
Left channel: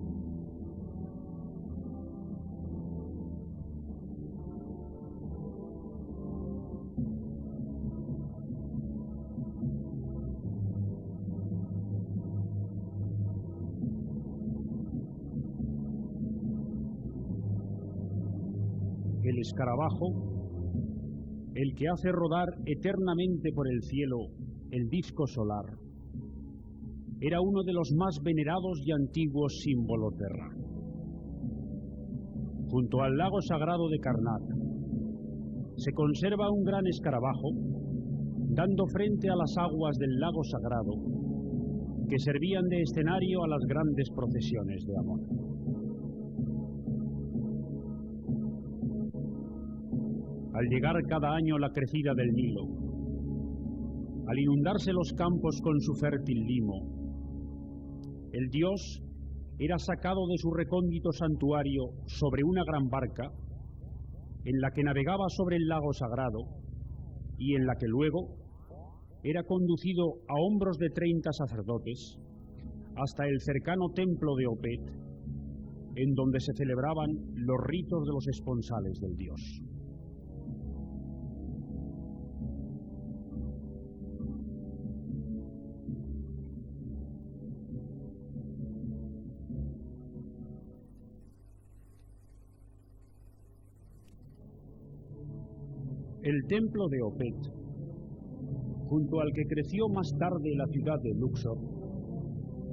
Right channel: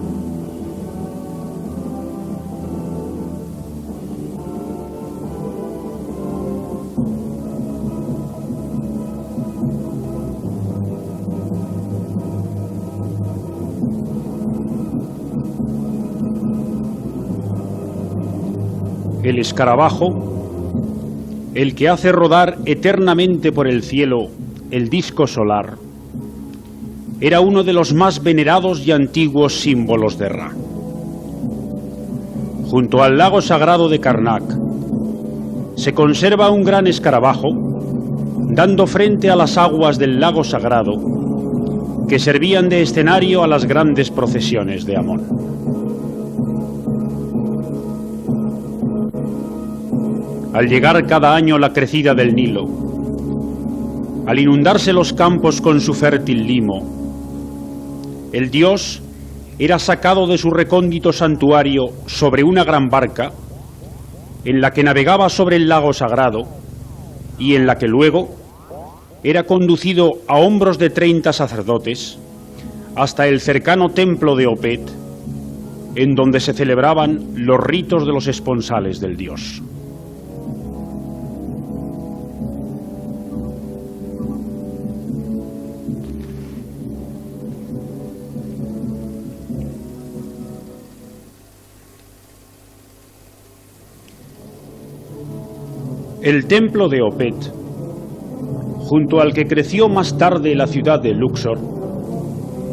El escarabajo, el que hace rodar eternamente por el cielo el disco solar, era uno de los más venerados y antiguos símbolos de Ra. Junto al lago sagrado de Karnak se conserva un gran escarabajo dando frente a las aguas del lago sagrado que servían de escenario a las grandes procesiones de Amón. Al llegar cada año la crecida del Nilo, al inundarse los campos con su fértil limo, el dios era sacado de su recóndito santuario sobre una gran barca en la que navegaba sobre el lago sagrado y en la que luego era conducido a hombros de 30 sacerdotes hasta el cercano templo de Opet, en donde se celebraban los ritos de los esponsales del dios. El templo de Opet, junto al que creció más tarde la ciudad de Luxor,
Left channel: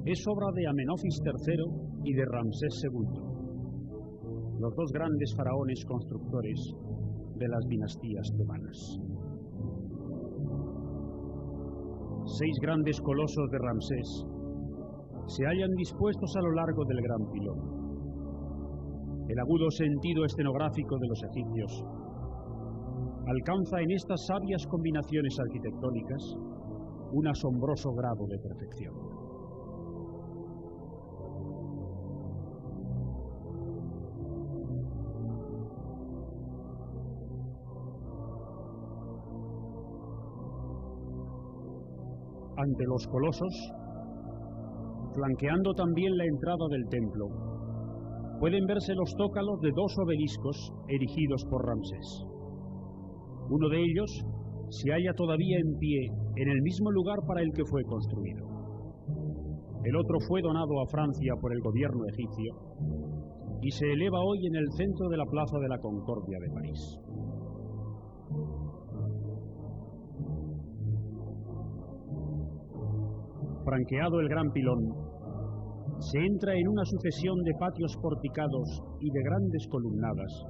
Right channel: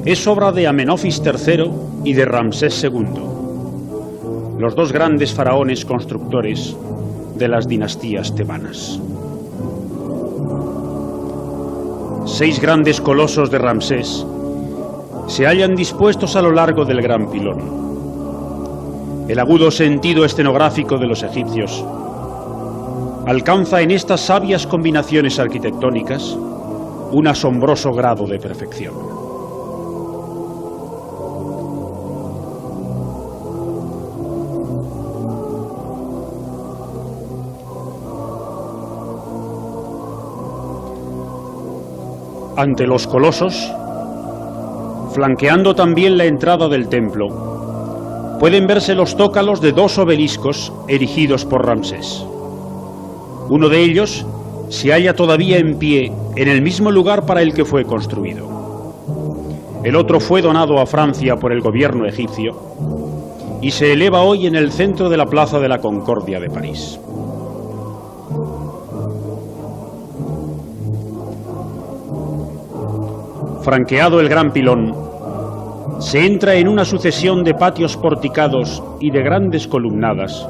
es obra de Amenofis III y de Ramsés II, los dos grandes faraones constructores de las dinastías tebanas. 6 grandes colosos de Ramsés se hallan dispuestos a lo largo del gran pilón. El agudo sentido escenográfico de los egipcios alcanza en estas sabias combinaciones arquitectónicas un asombroso grado de perfección. Ante los colosos, flanqueando también la entrada del templo, pueden verse los zócalos de 2 obeliscos erigidos por Ramsés. Uno de ellos se halla todavía en pie en el mismo lugar para el que fue construido. El otro fue donado a Francia por el gobierno egipcio y se eleva hoy en el centro de la Plaza de la Concordia de París. Franqueado el gran pilón, se entra en una sucesión de patios porticados y de grandes columnadas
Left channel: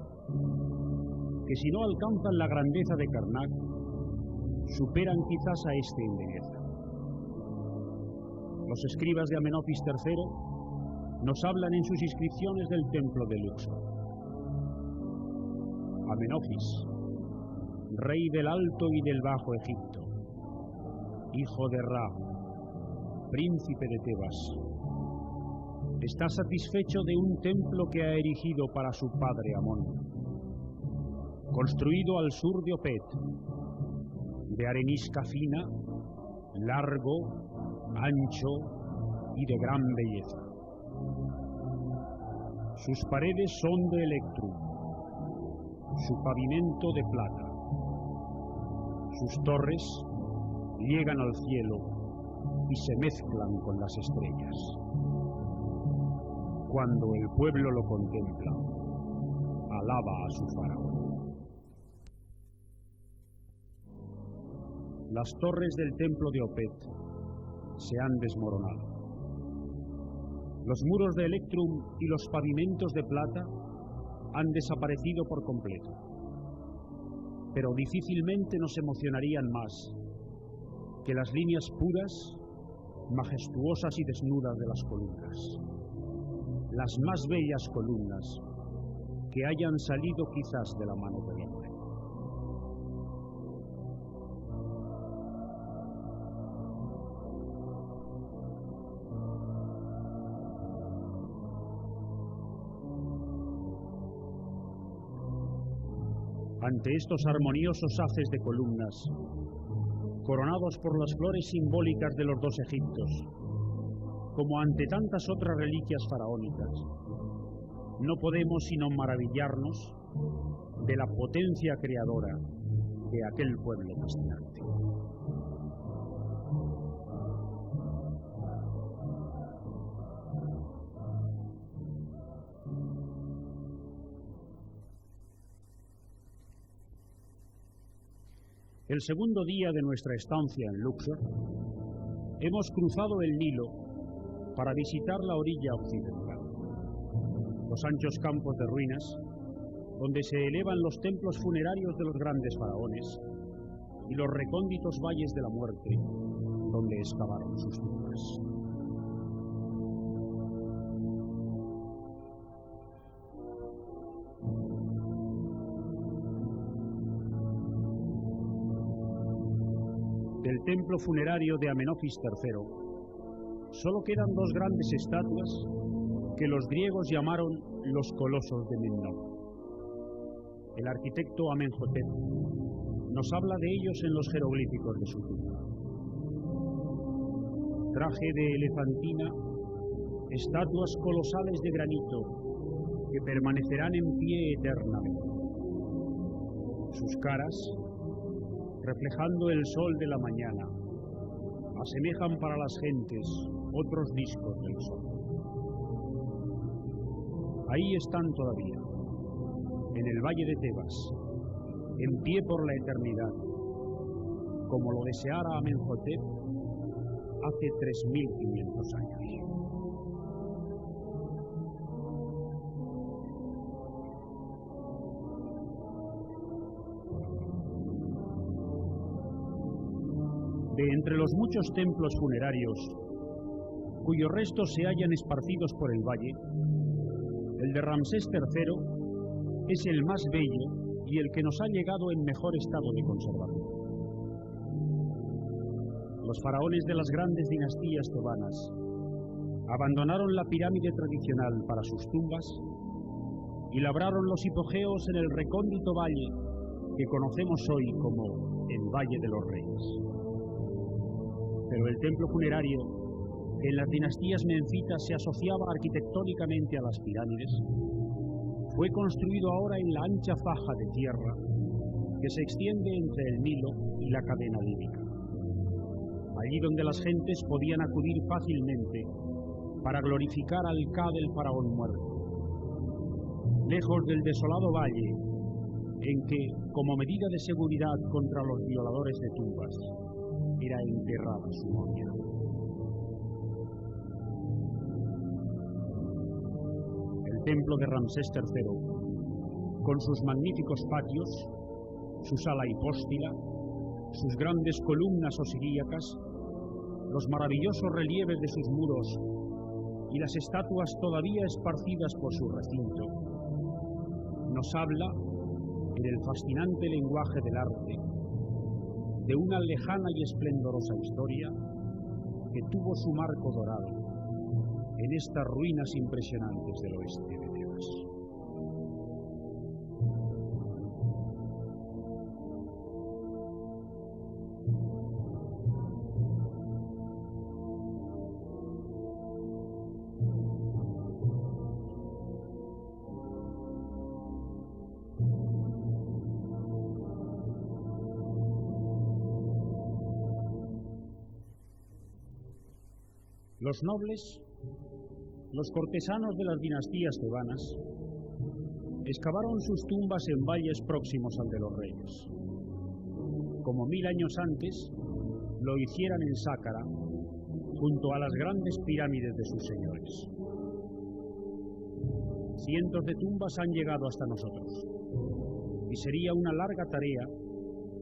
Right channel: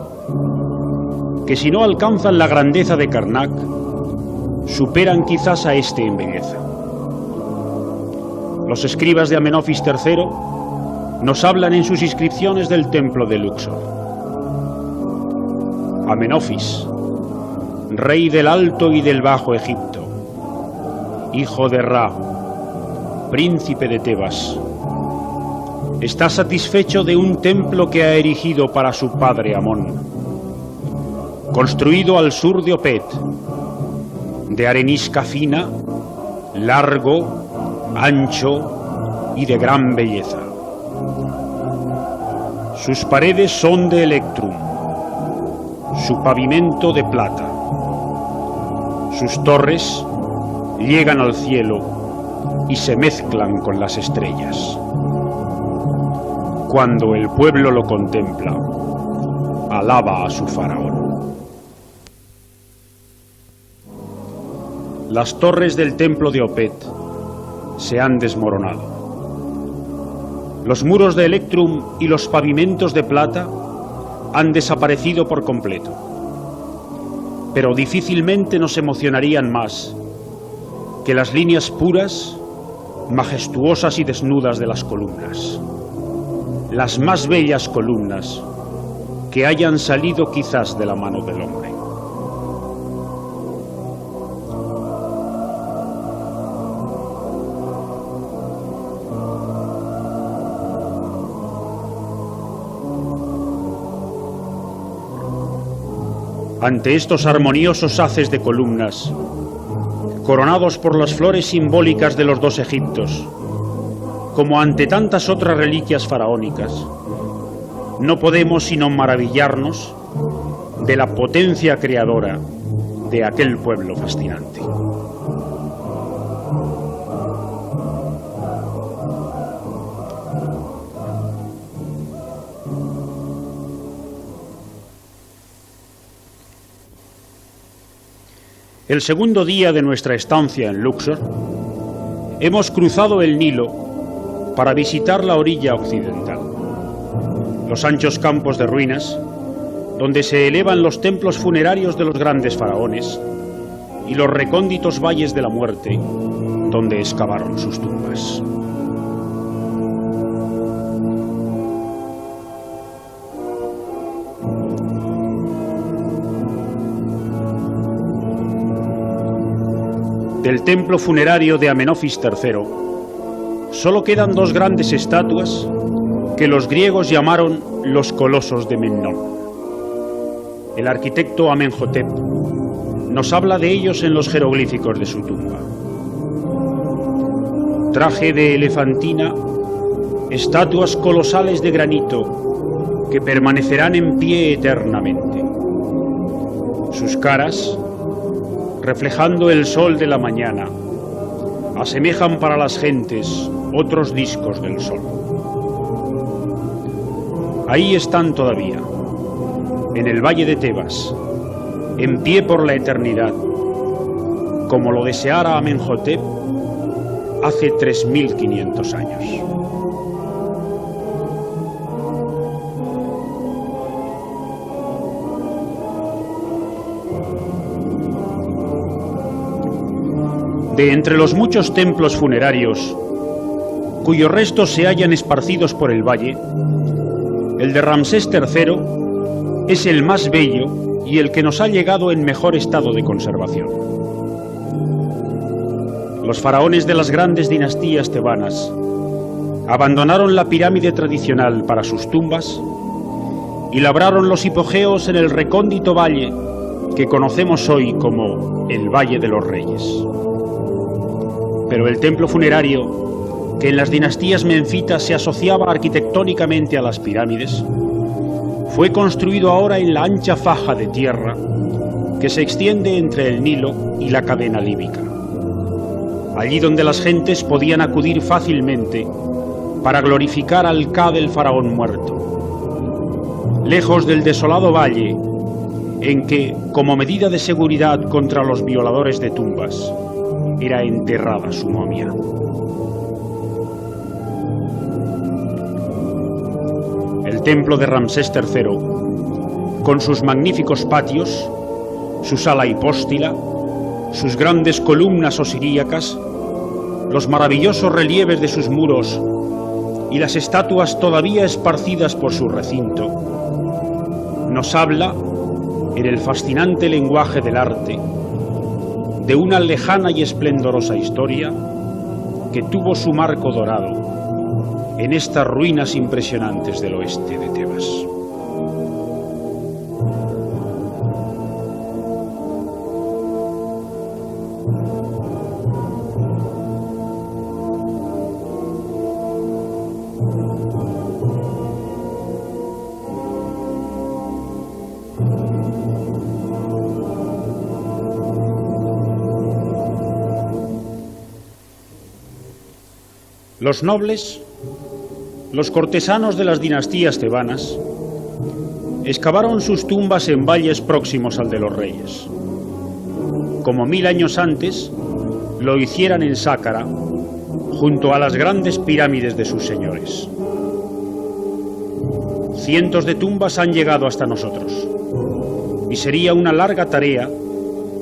que, si no alcanzan la grandeza de Karnak, superan quizás a en belleza. Los escribas de Amenofis III nos hablan en sus inscripciones del templo de Luxor. Amenofis, rey del Alto y del Bajo Egipto, hijo de Ra, príncipe de Tebas, está satisfecho de un templo que ha erigido para su padre Amón, construido al sur de Opet, de arenisca fina, largo, ancho y de gran belleza. Sus paredes son de electrum, su pavimento de plata. Sus torres llegan al cielo y se mezclan con las estrellas. Cuando el pueblo lo contempla, alaba a su faraón. Las torres del templo de Opet se han desmoronado. Los muros de electrum y los pavimentos de plata han desaparecido por completo. Pero difícilmente nos emocionarían más que las líneas puras, majestuosas y desnudas de las columnas. Las más bellas columnas que hayan salido quizás de la mano del hombre. Ante estos armoniosos haces de columnas, coronados por las flores simbólicas de los dos Egiptos, como ante tantas otras reliquias faraónicas, no podemos sino maravillarnos de la potencia creadora de aquel pueblo fascinante. El segundo día de nuestra estancia en Luxor, hemos cruzado el Nilo para visitar la orilla occidental, los anchos campos de ruinas, donde se elevan los templos funerarios de los grandes faraones, y los recónditos valles de la muerte, donde excavaron sus tumbas. Del templo funerario de Amenofis III, solo quedan dos grandes estatuas que los griegos llamaron los colosos de Memnón. El arquitecto Amenhotep nos habla de ellos en los jeroglíficos de su tumba. Traje de elefantina, estatuas colosales de granito que permanecerán en pie eternamente. Sus caras, reflejando el sol de la mañana, asemejan para las gentes otros discos del sol. Ahí están todavía, en el valle de Tebas, en pie por la eternidad, como lo deseara Amenhotep hace 3500 años. De entre los muchos templos funerarios cuyos restos se hallan esparcidos por el valle, el de Ramsés III es el más bello y el que nos ha llegado en mejor estado de conservación. Los faraones de las grandes dinastías tebanas abandonaron la pirámide tradicional para sus tumbas y labraron los hipogeos en el recóndito valle que conocemos hoy como el Valle de los Reyes. Pero el templo funerario, que en las dinastías menfitas se asociaba arquitectónicamente a las pirámides, fue construido ahora en la ancha faja de tierra que se extiende entre el Nilo y la cadena líbica, allí donde las gentes podían acudir fácilmente para glorificar al Ka del faraón muerto, lejos del desolado valle en que, como medida de seguridad contra los violadores de tumbas, era enterrada su momia. El templo de Ramsés III, con sus magníficos patios, su sala hipóstila, sus grandes columnas osiríacas, los maravillosos relieves de sus muros y las estatuas todavía esparcidas por su recinto, nos habla, en el fascinante lenguaje del arte, de una lejana y esplendorosa historia que tuvo su marco dorado en estas ruinas impresionantes del oeste de Tebas. Los nobles, los cortesanos de las dinastías tebanas, excavaron sus tumbas en valles próximos al de los reyes, como 1000 años antes lo hicieran en Sáqqara, junto a las grandes pirámides de sus señores. Cientos de tumbas han llegado hasta nosotros, y sería una larga tarea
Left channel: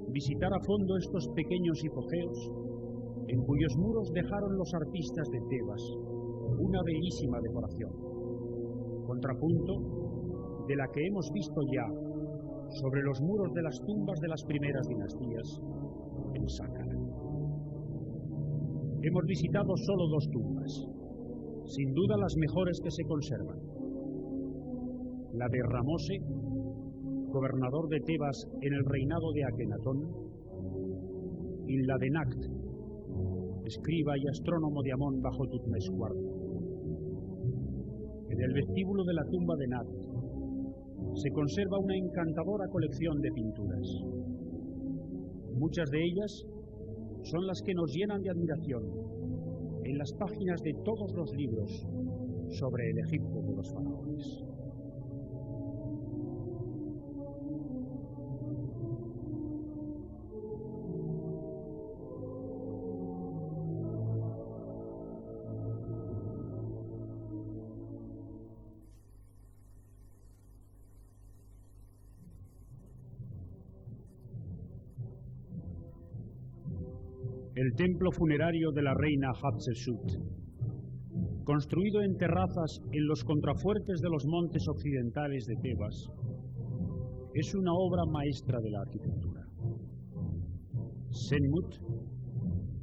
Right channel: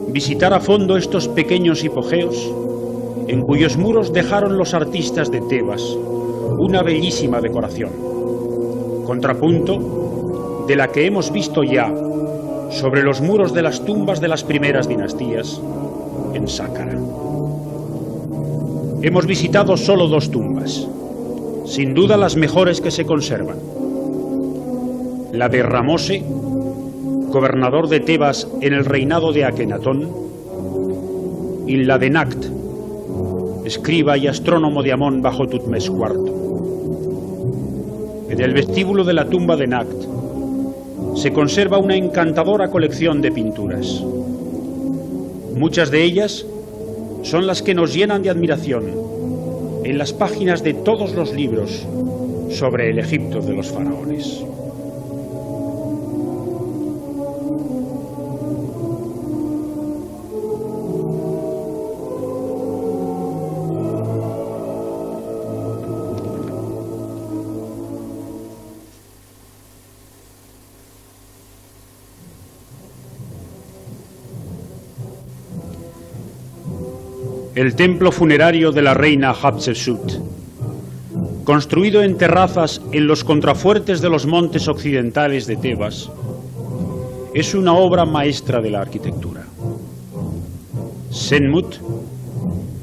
visitar a fondo estos pequeños hipogeos en cuyos muros dejaron los artistas de Tebas una bellísima decoración, contrapunto de la que hemos visto ya sobre los muros de las tumbas de las primeras dinastías en Sáqqara. Hemos visitado solo 2 tumbas, sin duda las mejores que se conservan: la de Ramose, gobernador de Tebas en el reinado de Akenatón, y la de Nakht, escriba y astrónomo de Amón bajo Tutmés IV. En el vestíbulo de la tumba de Nakht se conserva una encantadora colección de pinturas. Muchas de ellas son las que nos llenan de admiración en las páginas de todos los libros sobre el Egipto de los faraones. El templo funerario de la reina Hatshepsut, construido en terrazas en los contrafuertes de los montes occidentales de Tebas, es una obra maestra de la arquitectura. Senmut,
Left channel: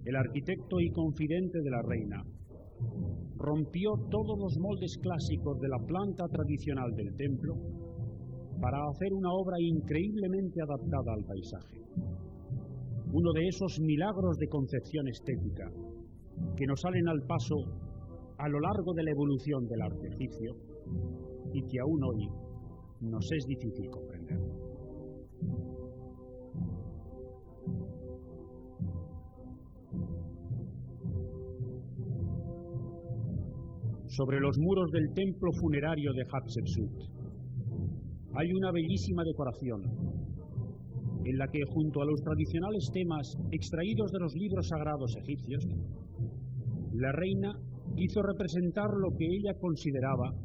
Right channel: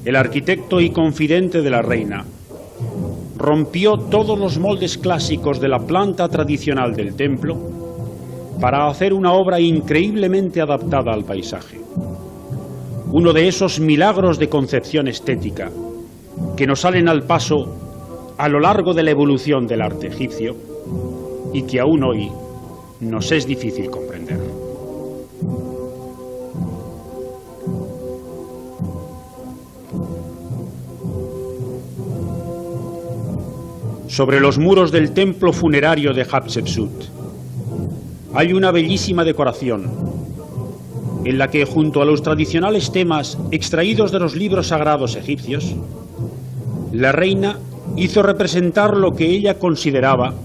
el arquitecto y confidente de la reina, rompió todos los moldes clásicos de la planta tradicional del templo para hacer una obra increíblemente adaptada al paisaje. Uno de esos milagros de concepción estética que nos salen al paso a lo largo de la evolución del arte egipcio y que aún hoy nos es difícil comprender. Sobre los muros del templo funerario de Hatshepsut hay una bellísima decoración en la que, junto a los tradicionales temas extraídos de los libros sagrados egipcios, la reina hizo representar lo que ella consideraba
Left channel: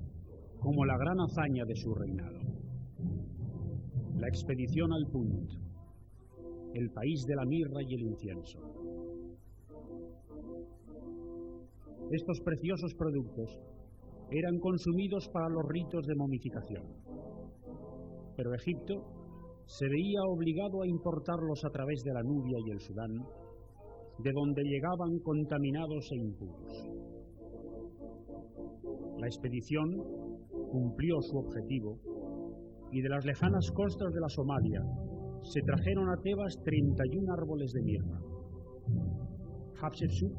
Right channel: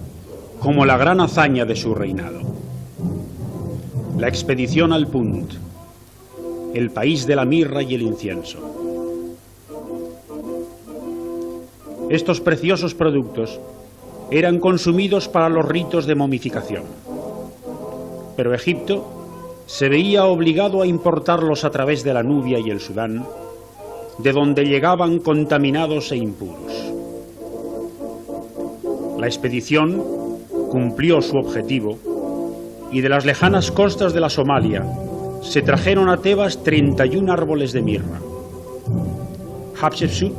como la gran hazaña de su reinado: la expedición al Punt, el país de la mirra y el incienso. Estos preciosos productos eran consumidos para los ritos de momificación, pero Egipto se veía obligado a importarlos a través de la Nubia y el Sudán, de donde llegaban contaminados e impuros. La expedición cumplió su objetivo y de las lejanas costas de la Somalia se trajeron a Tebas 31 árboles de mirra. Hatshepsut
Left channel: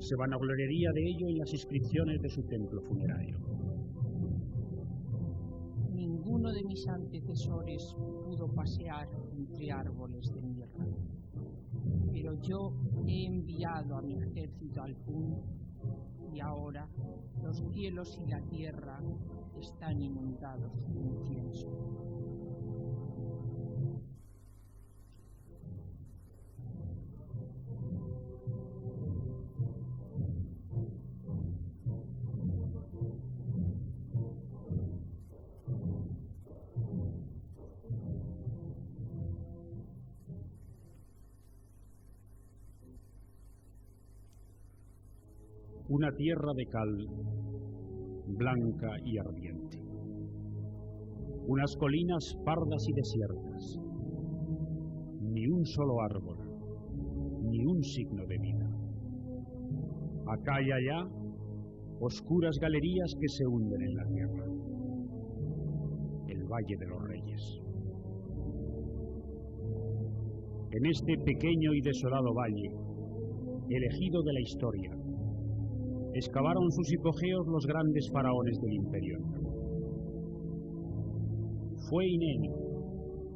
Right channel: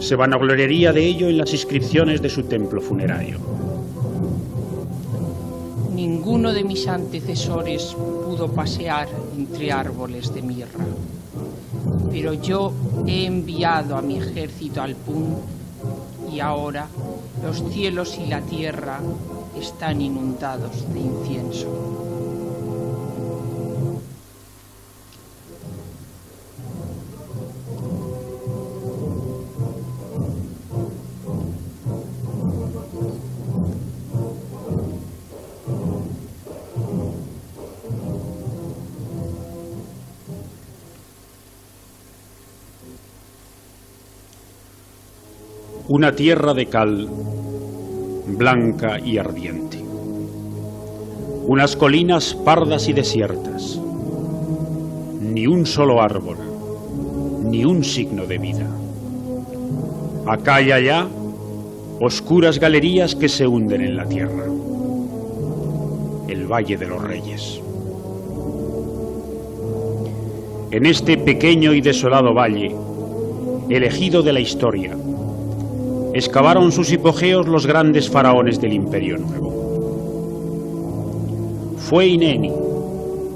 se vanagloriaría de ello en las inscripciones de su templo funerario. Ninguno de mis antecesores pudo pasear entre árboles de mirra, pero yo he enviado a mi ejército al Punt y ahora los cielos y la tierra están inundados de incienso. Una tierra de cal, blanca y ardiente. Unas colinas pardas y desiertas. Ni un solo árbol, ni un signo de vida. Acá y allá, oscuras galerías que se hunden en la tierra. El Valle de los Reyes. En este pequeño y desolado valle, elegido de la historia, excavaron sus hipogeos los grandes faraones del Imperio Nuevo. Fue Ineni,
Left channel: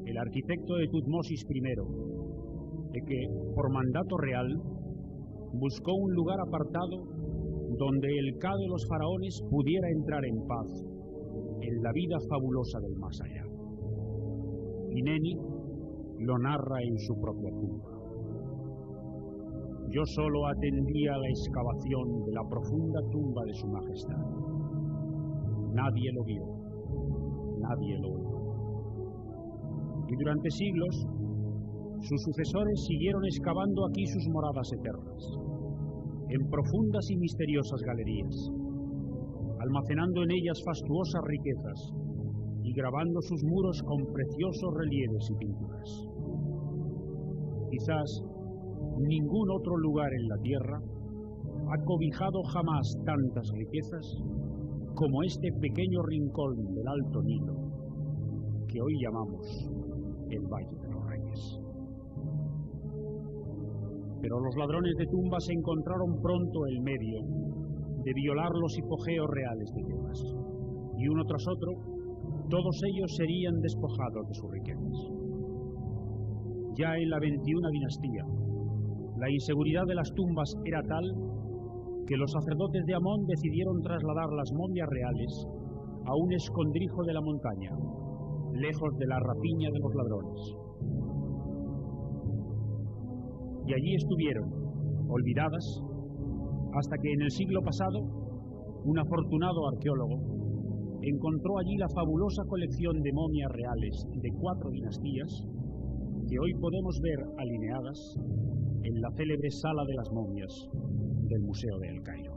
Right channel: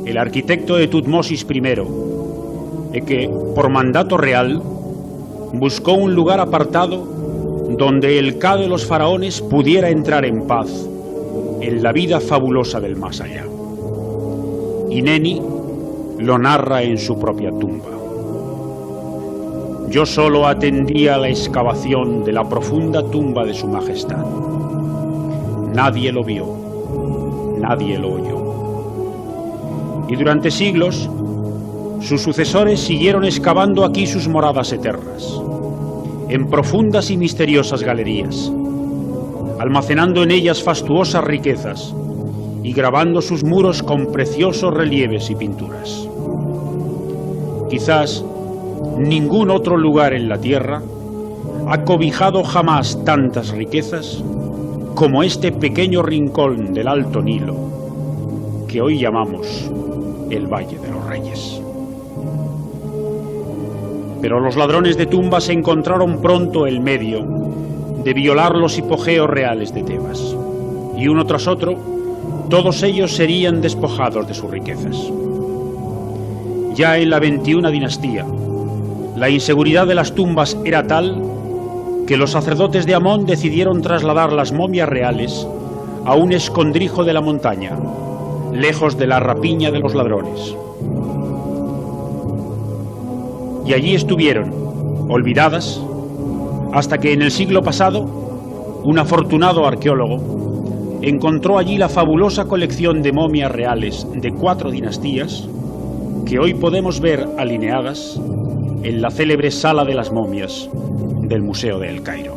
el arquitecto de Tutmosis I, el que, por mandato real, buscó un lugar apartado donde el Ka de los faraones pudiera entrar en paz en la vida fabulosa del más allá. Ineni lo narra en su propia tumba. Yo solo atendía a la excavación de la profunda tumba de su majestad. Nadie lo vio, nadie lo oyó. Y durante siglos, sus sucesores siguieron excavando aquí sus moradas eternas, en profundas y misteriosas galerías, almacenando en ellas fastuosas riquezas y grabando sus muros con preciosos relieves y pinturas. Quizás ningún otro lugar en la tierra ha cobijado jamás tantas riquezas como este pequeño rincón del Alto Nilo que hoy llamamos el Valle de los Reyes. Pero los ladrones de tumbas encontraron pronto el medio de violar los hipogeos reales de Tebas, y uno tras otro, todos ellos serían despojados de sus riquezas. Ya en la 21 dinastía, la inseguridad de las tumbas era tal que los sacerdotes de Amón decidieron trasladar las momias reales a un escondrijo de la montaña, lejos de la rapiña de los ladrones. Y allí estuvieron, olvidadas, hasta que en el siglo pasado, un afortunado arqueólogo encontró allí la fabulosa colección de momias reales de 4 dinastías que hoy podemos ver alineadas en la célebre Sala de las Momias del Museo de El Cairo.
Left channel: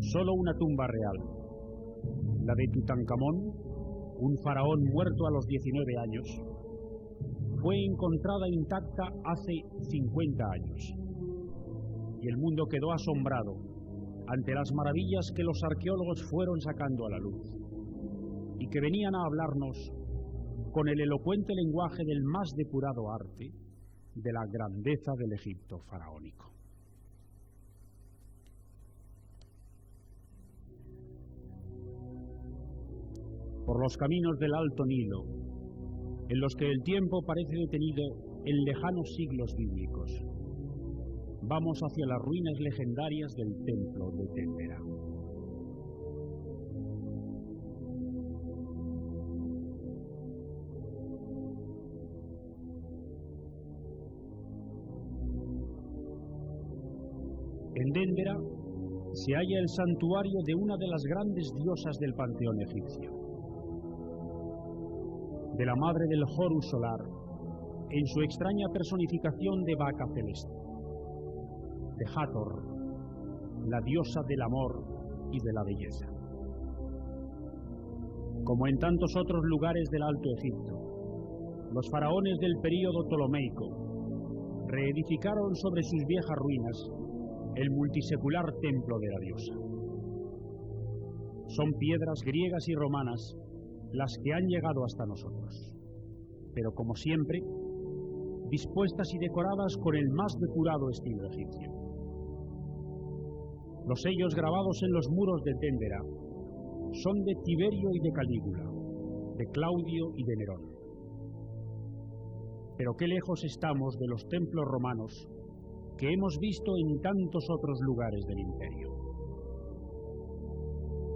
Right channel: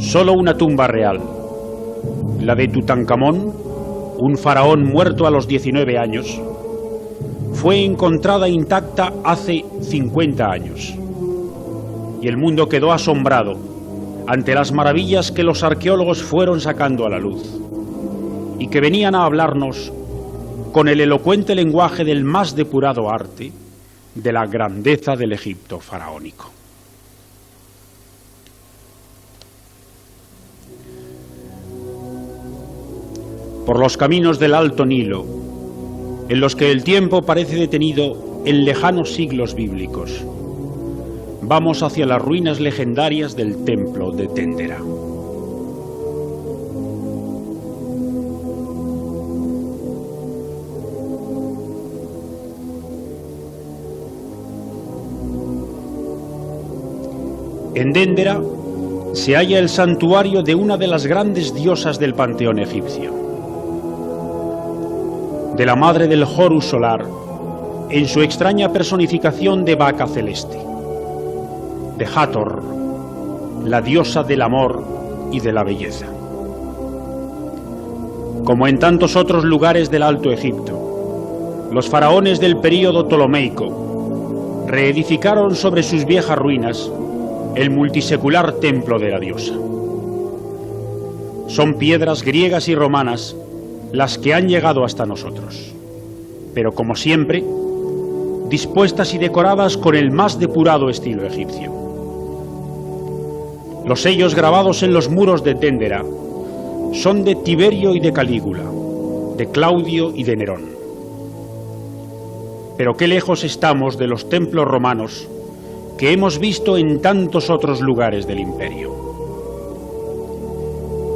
Solo una tumba real, la de Tutankamón, un faraón muerto a los 19 años, fue encontrada intacta hace 50 años. Y el mundo quedó asombrado ante las maravillas que los arqueólogos fueron sacando a la luz y que venían a hablarnos con el elocuente lenguaje del más depurado arte de la grandeza del Egipto faraónico. Por los caminos del Alto Nilo, en los que el tiempo parece detenido en lejanos siglos bíblicos, vamos hacia las ruinas legendarias del templo de Dendera. En Dendera se halla el santuario de una de las grandes diosas del panteón egipcio, de la madre del Horus solar, en su extraña personificación de vaca celeste, de Hathor, la diosa del amor y de la belleza. Como en tantos otros lugares del Alto Egipto, los faraones del período ptolomeico reedificaron sobre sus viejas ruinas el multisecular templo de la diosa. Son piedras griegas y romanas las que han llegado hasta nosotros, pero como siempre, dispuestas y decoradas con el más depurado estilo egipcio. Los sellos grabados en los muros de Dendera son de Tiberio y de Calígula, de Claudio y de Nerón. Pero qué lejos estamos de los templos romanos que hemos visto en tantos otros lugares del imperio.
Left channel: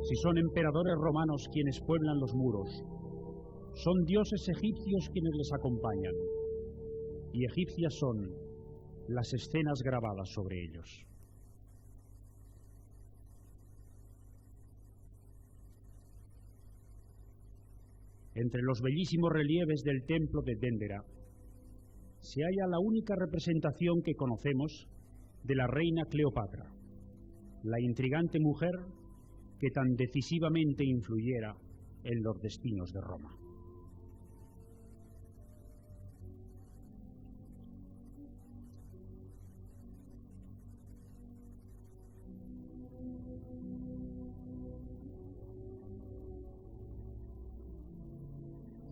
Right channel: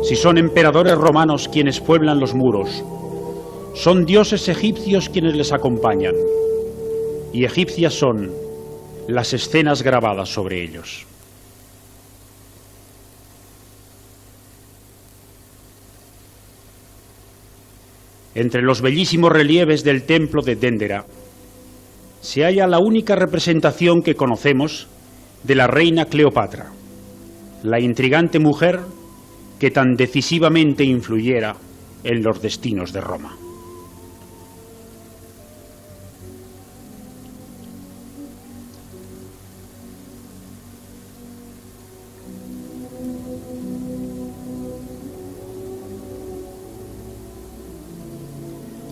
Si son emperadores romanos quienes pueblan los muros, son dioses egipcios quienes les acompañan, y egipcias son las escenas grabadas sobre ellos. Entre los bellísimos relieves del templo de Dendera se halla la única representación que conocemos de la reina Cleopatra, la intrigante mujer que tan decisivamente influyera en los destinos de Roma.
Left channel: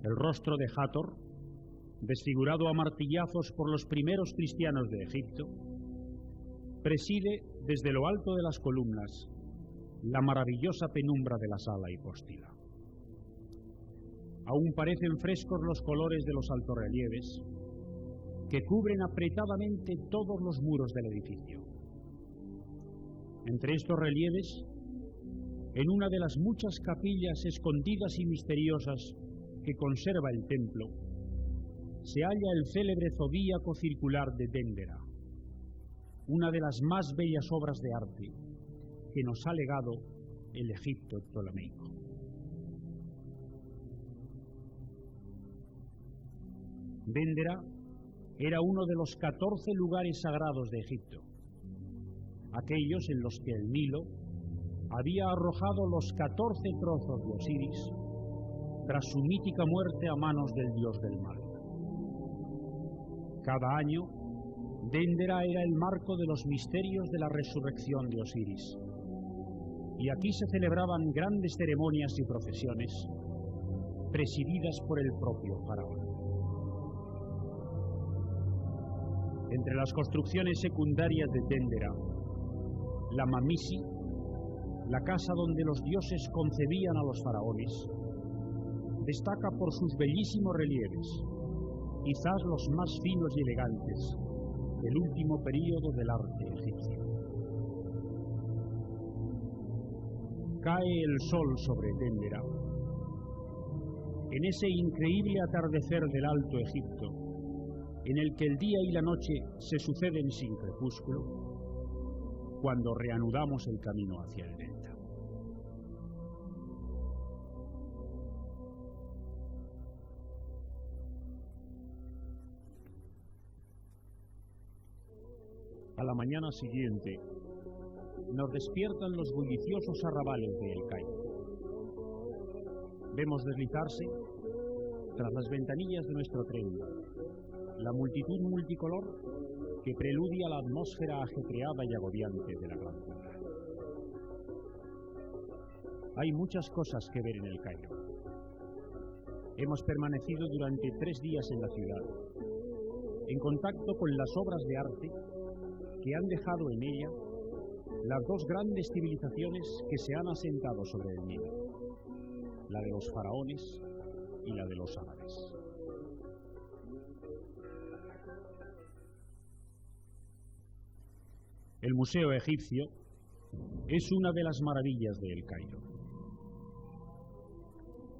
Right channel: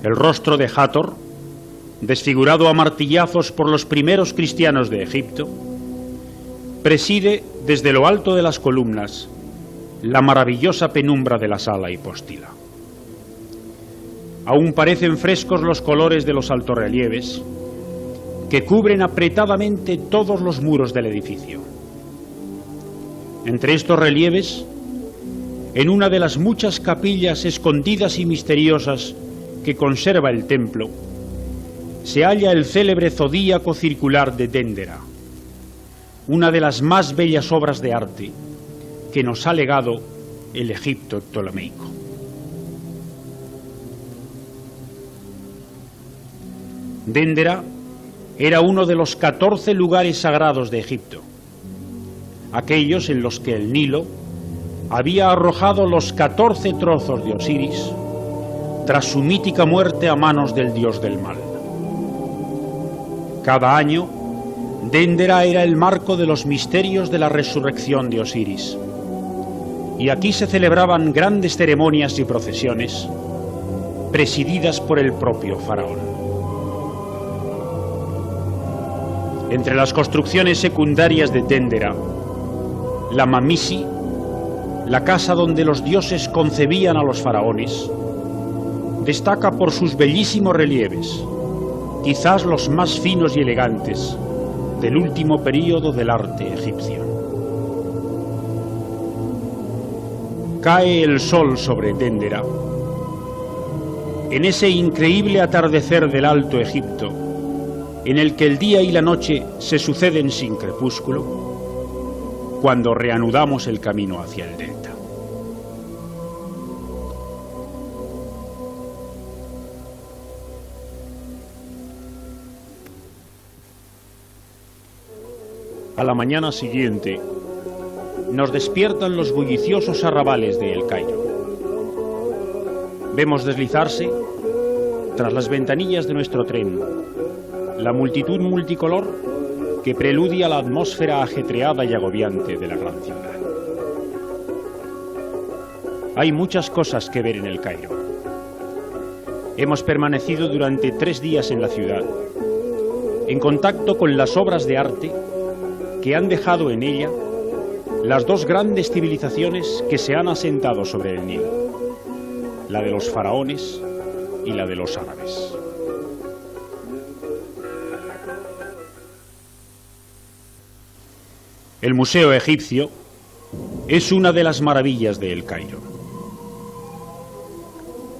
El rostro de Hathor, desfigurado a martillazos por los primeros cristianos de Egipto, preside desde lo alto de las columnas la maravillosa penumbra de la sala hipóstila. Aún parecen frescos los colores de los altorrelieves que cubren apretadamente todos los muros del edificio. Entre estos relieves, en una de las muchas capillas escondidas y misteriosas que conserva el templo, se halla el célebre zodíaco circular de Déndera, una de las más bellas obras de arte que nos ha legado el Egipto ptolemaico. Déndera era uno de los 14 lugares sagrados de Egipto, aquellos en los que el Nilo había arrojado los 14 trozos de Osiris tras su mítica muerte a manos del dios del mal. Cada año, Déndera era el marco de los misterios de la resurrección de Osiris, y aquí se celebraban grandes ceremonias y procesiones, presididas por el propio faraón. Entre las construcciones secundarias de Déndera, la Mamisi, la casa donde los dioses concebían a los faraones, destaca por sus bellísimos relieves, quizás los más finos y elegantes del último período del arte egipcio. Cae el sol sobre Déndera. En ese increíble atardecer del Alto Egipto, en el que el día y la noche se suceden sin crepúsculo, cuando reanudamos el camino hacia el delta. A la mañana siguiente, nos despiertan los bulliciosos arrabales de El Cairo. Vemos deslizarse, tras las ventanillas de nuestro tren, la multitud multicolor que preludia la atmósfera ajetreada y agobiante de la gran ciudad. Hay muchas cosas que ver en El Cairo. Hemos permanecido durante 3 días en la ciudad, en contacto con las obras de arte que han dejado en ella las 2 grandes civilizaciones que se han asentado sobre el Nilo, la de los faraones y la de los árabes. El Museo Egipcio es una de las maravillas de El Cairo.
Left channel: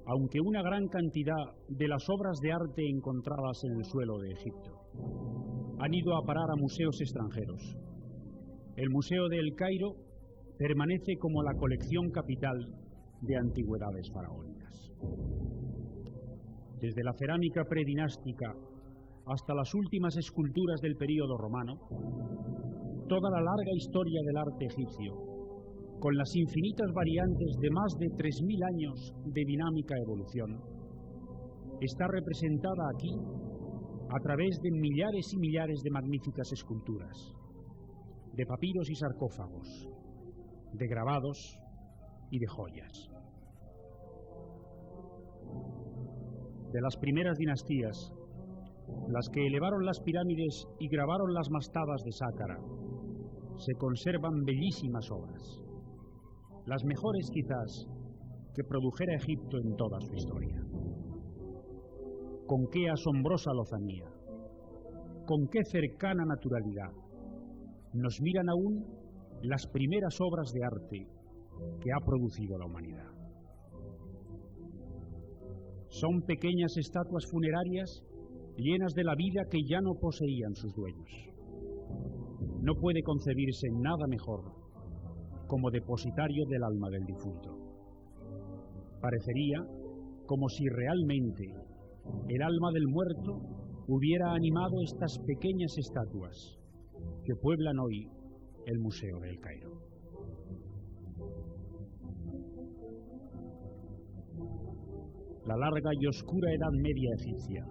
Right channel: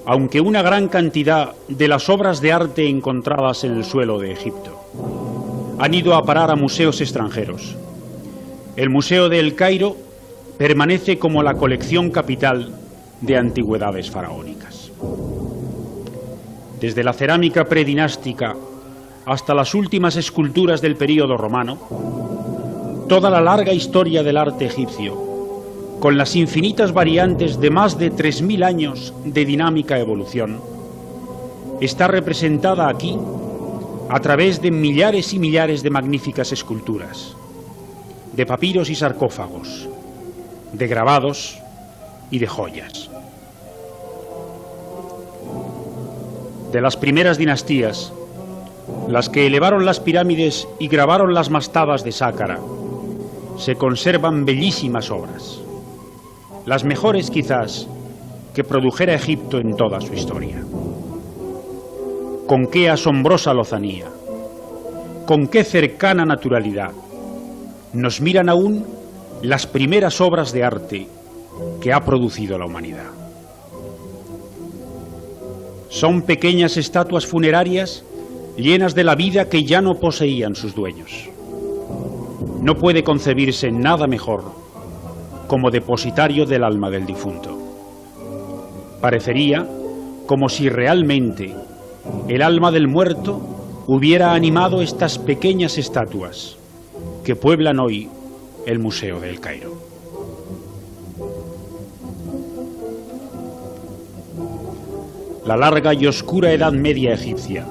Aunque una gran cantidad de las obras de arte encontradas en el suelo de Egipto han ido a parar a museos extranjeros, el Museo de El Cairo permanece como la colección capital de antigüedades faraónicas. Desde la cerámica predinástica hasta las últimas esculturas del período romano, toda la larga historia del arte egipcio, con las infinitas variantes de más de 3000 años de dinámica evolución, está representada aquí a través de millares y millares de magníficas esculturas, de papiros y sarcófagos, de grabados y de joyas. De las primeras dinastías, las que elevaron las pirámides y grabaron las mastabas de Sácara, se conservan bellísimas obras, las mejores quizás que produjera Egipto en toda su historia. Con qué asombrosa lozanía, con qué cercana naturalidad nos miran aún las primeras obras de arte que ha producido la humanidad. Son pequeñas estatuas funerarias llenas de la vida que ya no poseían sus dueños. No puede concebirse nada mejor como depositario del alma del difunto. Parecería como si realmente el alma del muerto hubiera animado estas pequeñas estatuas que pueblan hoy el Museo de El Cairo. La larga y oscura Edad Media egipcia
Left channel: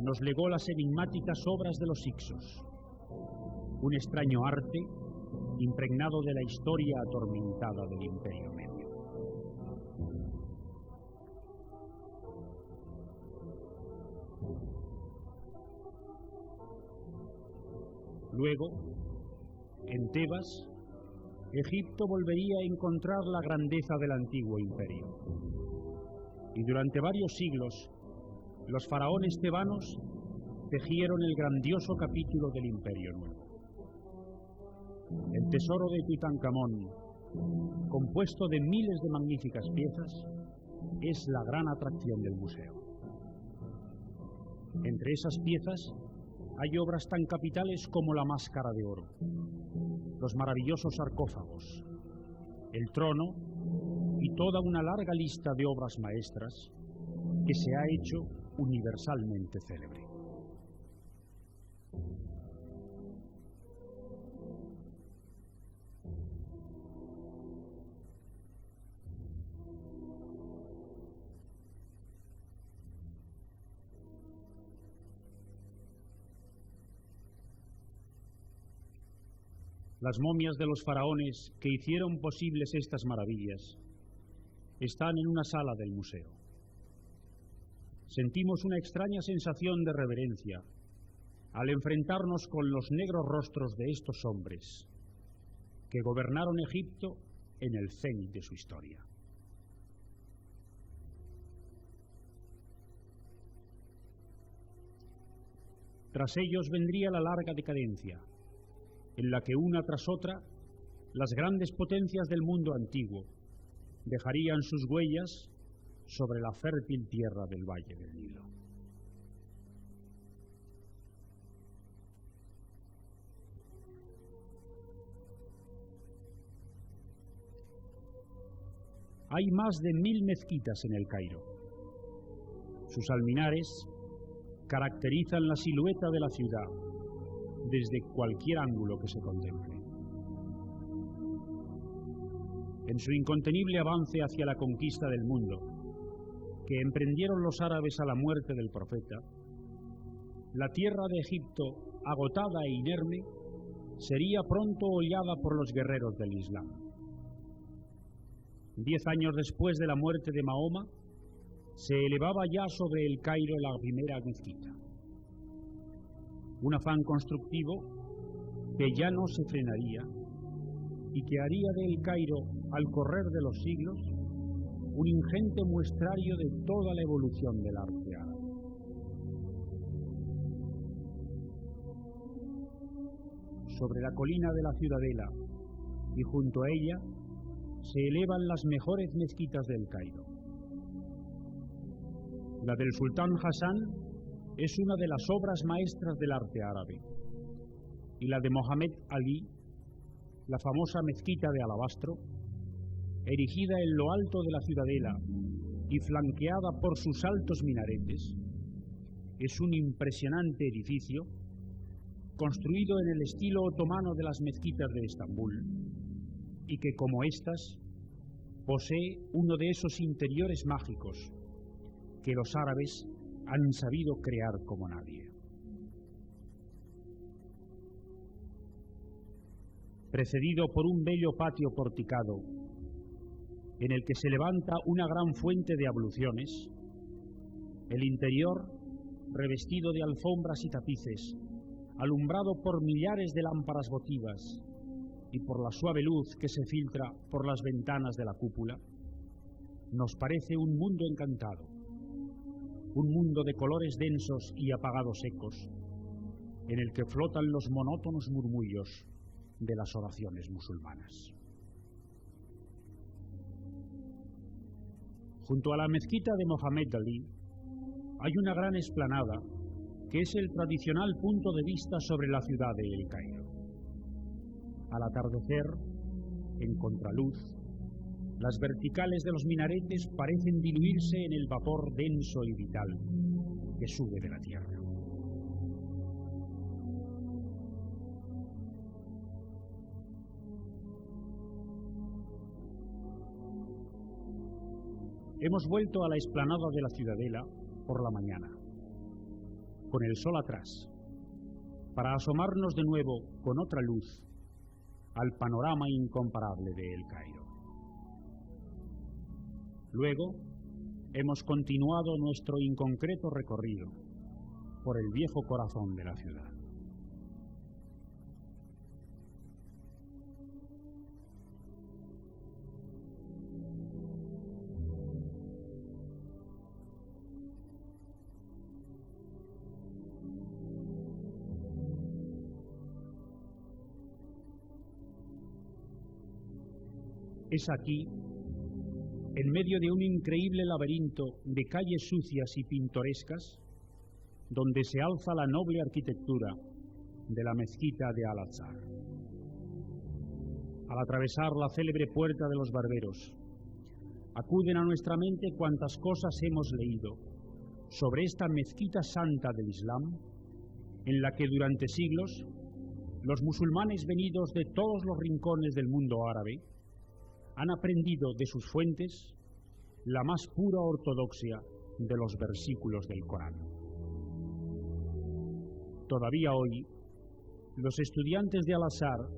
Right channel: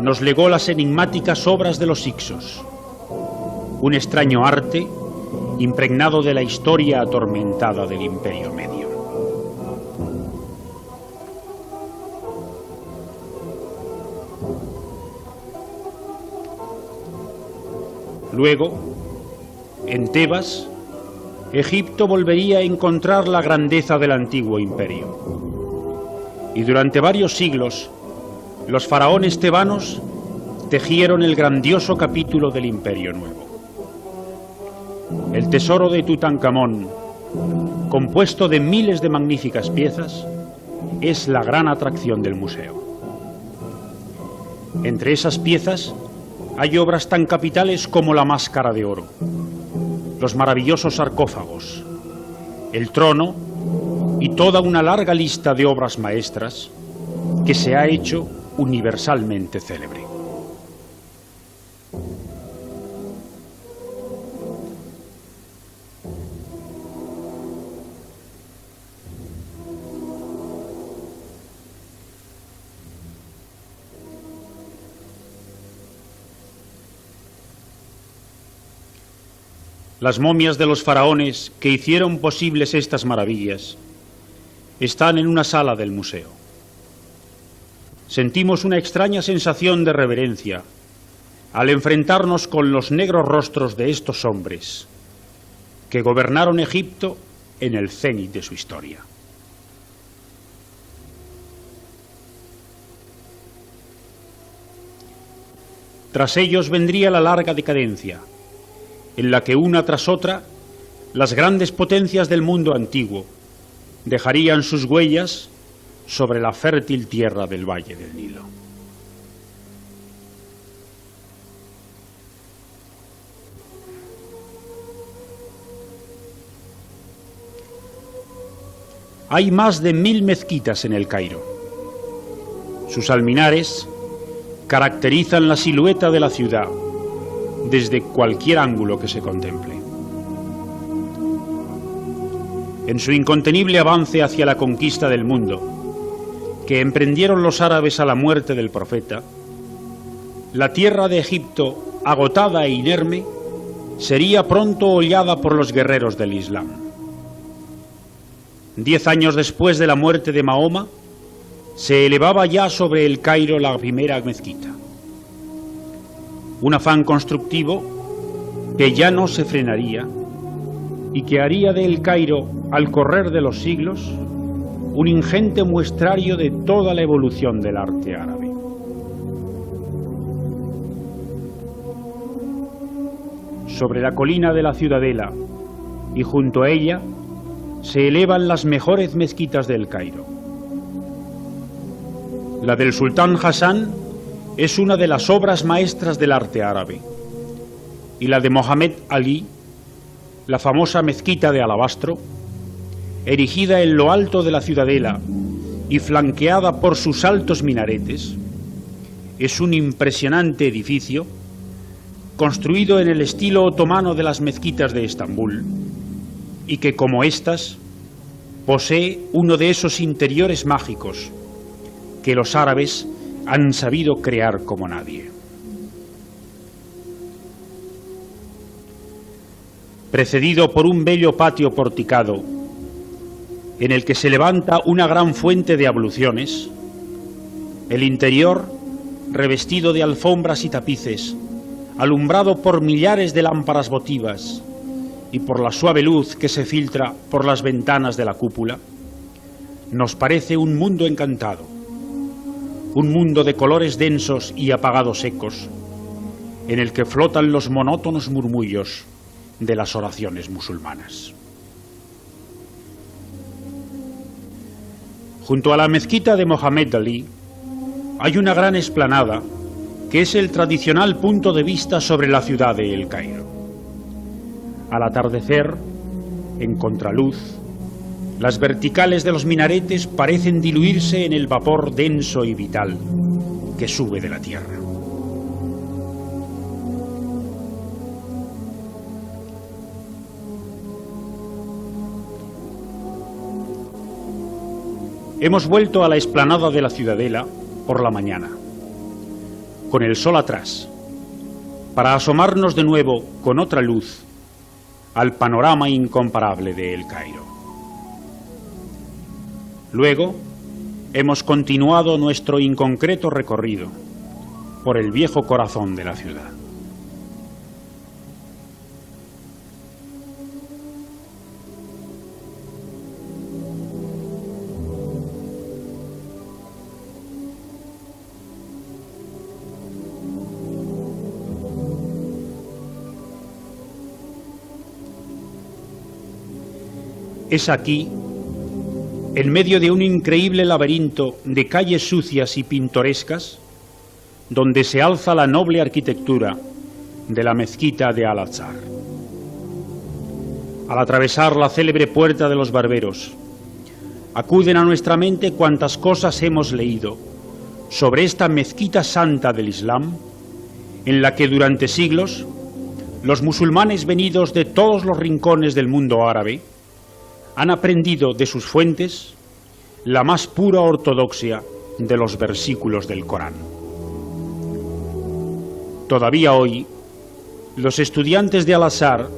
nos legó las enigmáticas obras de los Hicsos, un extraño arte impregnado de la historia atormentada del Imperio Medio. Luego, en Tebas, Egipto volvería a encontrar la grandeza del antiguo imperio. Y durante varios siglos, los faraones tebanos tejieron el grandioso capítulo del Imperio Nuevo. El tesoro de Tutankamón, compuesto de miles de magníficas piezas, es la gran atracción del museo. Entre esas piezas hay obras tan capitales como la Máscara de Oro, los maravillosos sarcófagos, el trono y toda una larga lista de obras maestras que se ha hecho universalmente célebre. Las momias de los faraones que hicieron posibles estas maravillas están en una sala del museo. Sentimos una extraña sensación de reverencia al enfrentarnos con los negros rostros de estos hombres que gobernaron Egipto en el cénit de su historia. Tras ellos vendría la larga decadencia, en la que una tras otra las grandes potencias del mundo antiguo dejarían sus huellas sobre la fértil tierra del Valle del Nilo. Hay más de 1000 mezquitas en El Cairo. Sus alminares caracterizan la silueta de la ciudad desde cualquier ángulo que se contemple. En su incontenible avance hacia la conquista del mundo, que emprendieron los árabes a la muerte del profeta, la tierra de Egipto, agotada e inerme, sería pronto hollada por los guerreros del Islam. 10 años después de la muerte de Mahoma, se elevaba ya sobre El Cairo la primera mezquita. Un afán constructivo que ya no se frenaría y que haría de El Cairo, al correr de los siglos, un ingente muestrario de toda la evolución del arte árabe. Sobre la colina de la Ciudadela y junto a ella se elevan las mejores mezquitas del Cairo. La del sultán Hassan es una de las obras maestras del arte árabe, y la de Mohamed Ali, la famosa mezquita de alabastro, erigida en lo alto de la Ciudadela y flanqueada por sus altos minaretes, es un impresionante edificio construido en el estilo otomano de las mezquitas de Estambul y que, como estas, posee uno de esos interiores mágicos que los árabes han sabido crear como nadie. Precedido por un bello patio porticado, en el que se levanta una gran fuente de abluciones, el interior, revestido de alfombras y tapices, alumbrado por millares de lámparas votivas y por la suave luz que se filtra por las ventanas de la cúpula, nos parece un mundo encantado, un mundo de colores densos y apagados ecos, en el que flotan los monótonos murmullos de las oraciones musulmanas. Junto a la mezquita de Mohamed Ali hay una gran explanada que es el tradicional punto de vista sobre la ciudad de El Cairo. Al atardecer, en contraluz, las verticales de los minaretes parecen diluirse en el vapor denso y vital que sube de la tierra. Hemos vuelto a la explanada de la Ciudadela por la mañana, con el sol atrás, para asomarnos de nuevo con otra luz al panorama incomparable de El Cairo. Luego hemos continuado nuestro inconcreto recorrido por el viejo corazón de la ciudad. Es aquí, en medio de un increíble laberinto de calles sucias y pintorescas, donde se alza la noble arquitectura de la mezquita de Al-Azhar. Al atravesar la célebre puerta de los barberos, acuden a nuestra mente cuantas cosas hemos leído sobre esta mezquita santa del Islam, en la que durante siglos los musulmanes venidos de todos los rincones del mundo árabe han aprendido de sus fuentes la más pura ortodoxia de los versículos del Corán. Todavía hoy, los estudiantes de Al-Azhar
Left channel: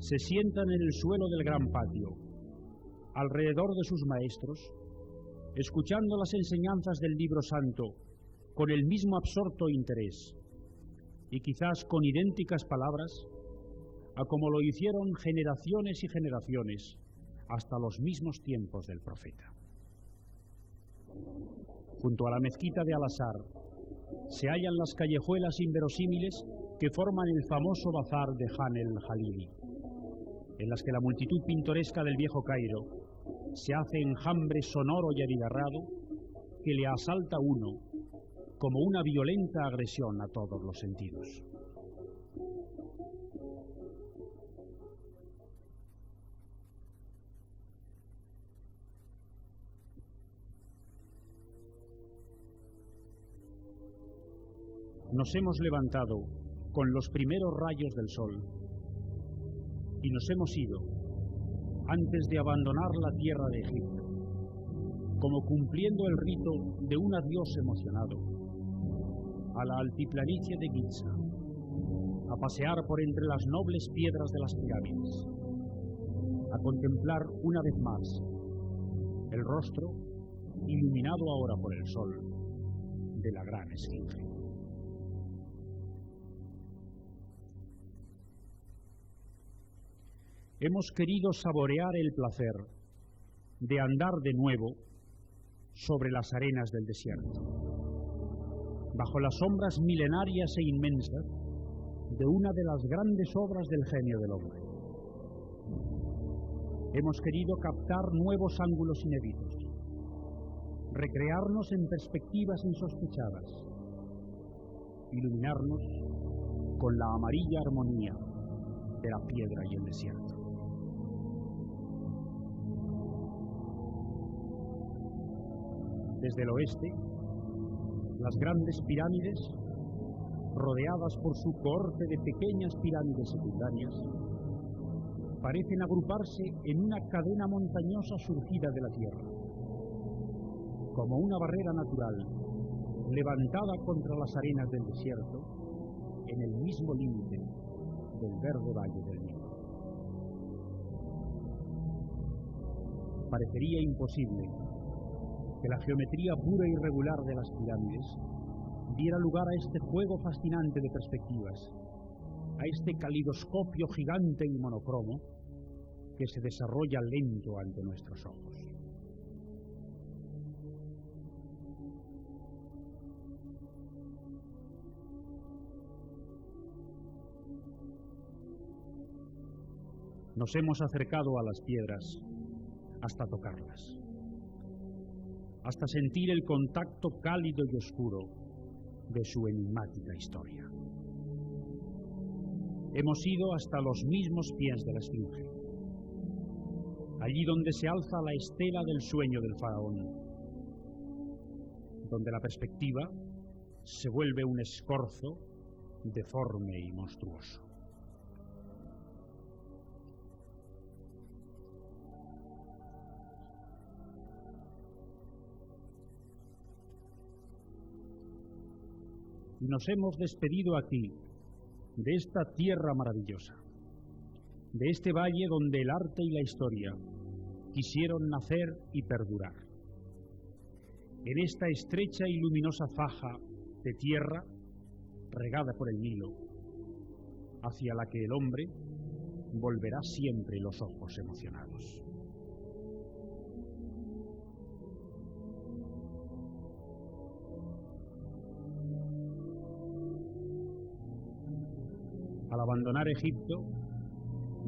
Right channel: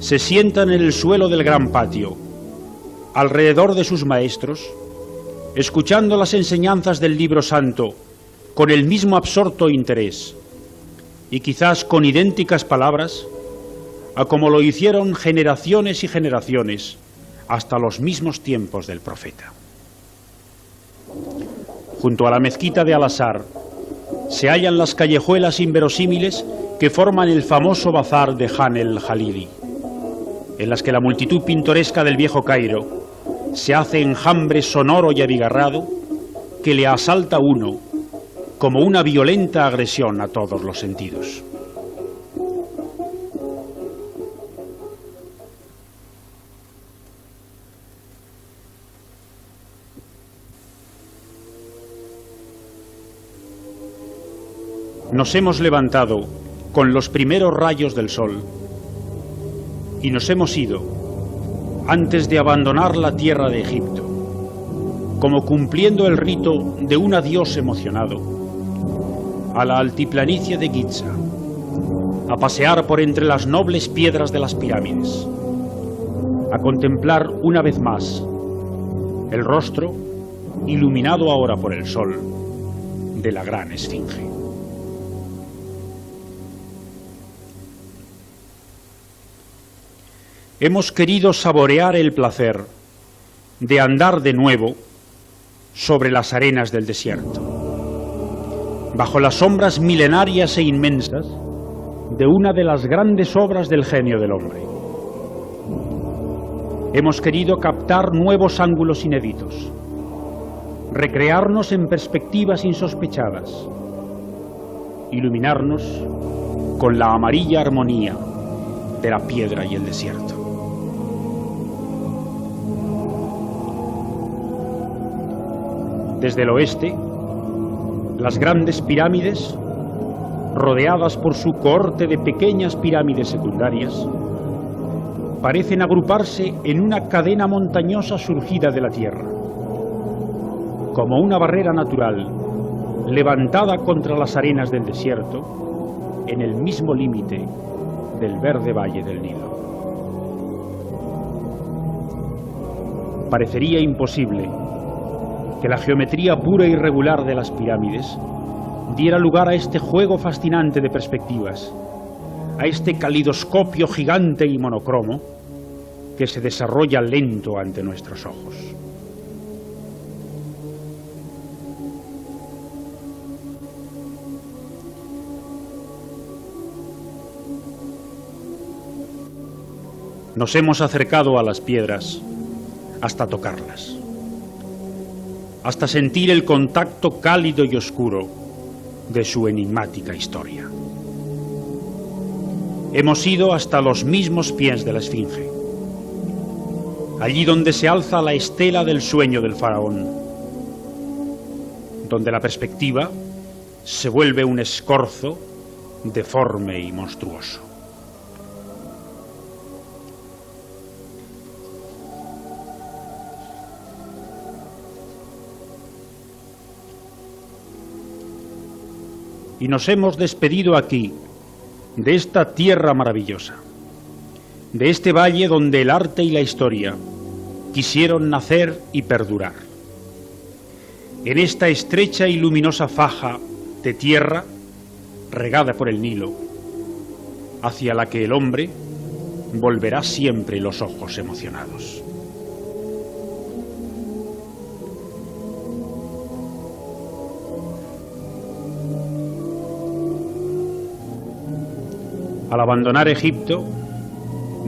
se sientan en el suelo del gran patio, alrededor de sus maestros, escuchando las enseñanzas del libro santo con el mismo absorto interés y quizás con idénticas palabras a como lo hicieron generaciones y generaciones hasta los mismos tiempos del profeta. Junto a la mezquita de Al-Azhar se hallan las callejuelas inverosímiles que forman el famoso bazar de Han el-Jalili, en las que la multitud pintoresca del viejo Cairo se hace enjambre sonoro y abigarrado que le asalta a uno como una violenta agresión a todos los sentidos. Nos hemos levantado con los primeros rayos del sol y nos hemos ido antes de abandonar la tierra de Egipto, como cumpliendo el rito de un adiós emocionado, a la altiplanicie de Giza, a pasear por entre las nobles piedras de las pirámides, a contemplar una vez más el rostro, iluminado ahora por el sol, de la gran esfinge. Hemos querido saborear el placer de andar de nuevo sobre las arenas del desierto, bajo las sombras milenarias e inmensas de una de las grandes obras del genio del hombre. Hemos querido captar nuevos ángulos inéditos, recrearnos en perspectivas insospechadas, iluminarnos con la amarilla armonía de la piedra y el desierto. Desde el oeste, las grandes pirámides, rodeadas por su cohorte de pequeñas pirámides secundarias, parecen agruparse en una cadena montañosa surgida de la tierra, como una barrera natural levantada contra las arenas del desierto en el mismo límite del verde valle del Nilo. Parecería imposible que la geometría pura y regular de las pirámides diera lugar a este juego fascinante de perspectivas, a este calidoscopio gigante y monocromo que se desarrolla lento ante nuestros ojos. Nos hemos acercado a las piedras hasta tocarlas, hasta sentir el contacto cálido y oscuro de su enigmática historia. Hemos ido hasta los mismos pies de la Esfinge, allí donde se alza la estela del sueño del faraón, donde la perspectiva se vuelve un escorzo deforme y monstruoso. y nos hemos despedido aquí, de esta tierra maravillosa, de este valle donde el arte y la historia quisieron nacer y perdurar. En esta estrecha y luminosa faja de tierra, regada por el Nilo, hacia la que el hombre volverá siempre los ojos emocionados. Al abandonar Egipto,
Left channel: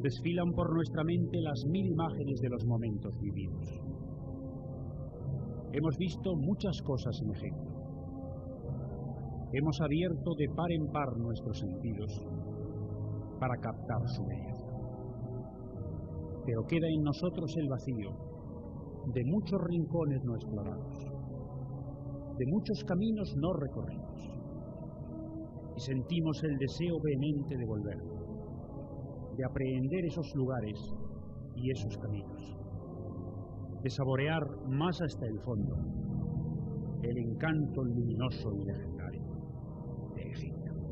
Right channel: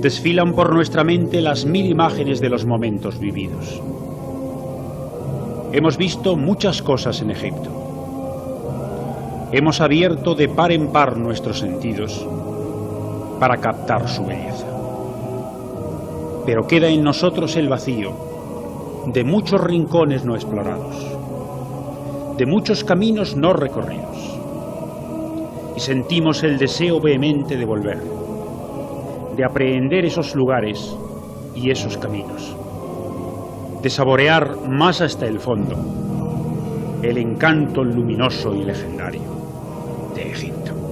desfilan por nuestra mente las 1000 imágenes de los momentos vividos. Hemos visto muchas cosas en Egipto. Hemos abierto de par en par nuestros sentidos para captar su belleza. Pero queda en nosotros el vacío de muchos rincones no explorados, de muchos caminos no recorridos. Y sentimos el deseo vehemente de volver, de aprehender esos lugares y esos caminos, de saborear más hasta el fondo el encanto luminoso y legendario de Egipto.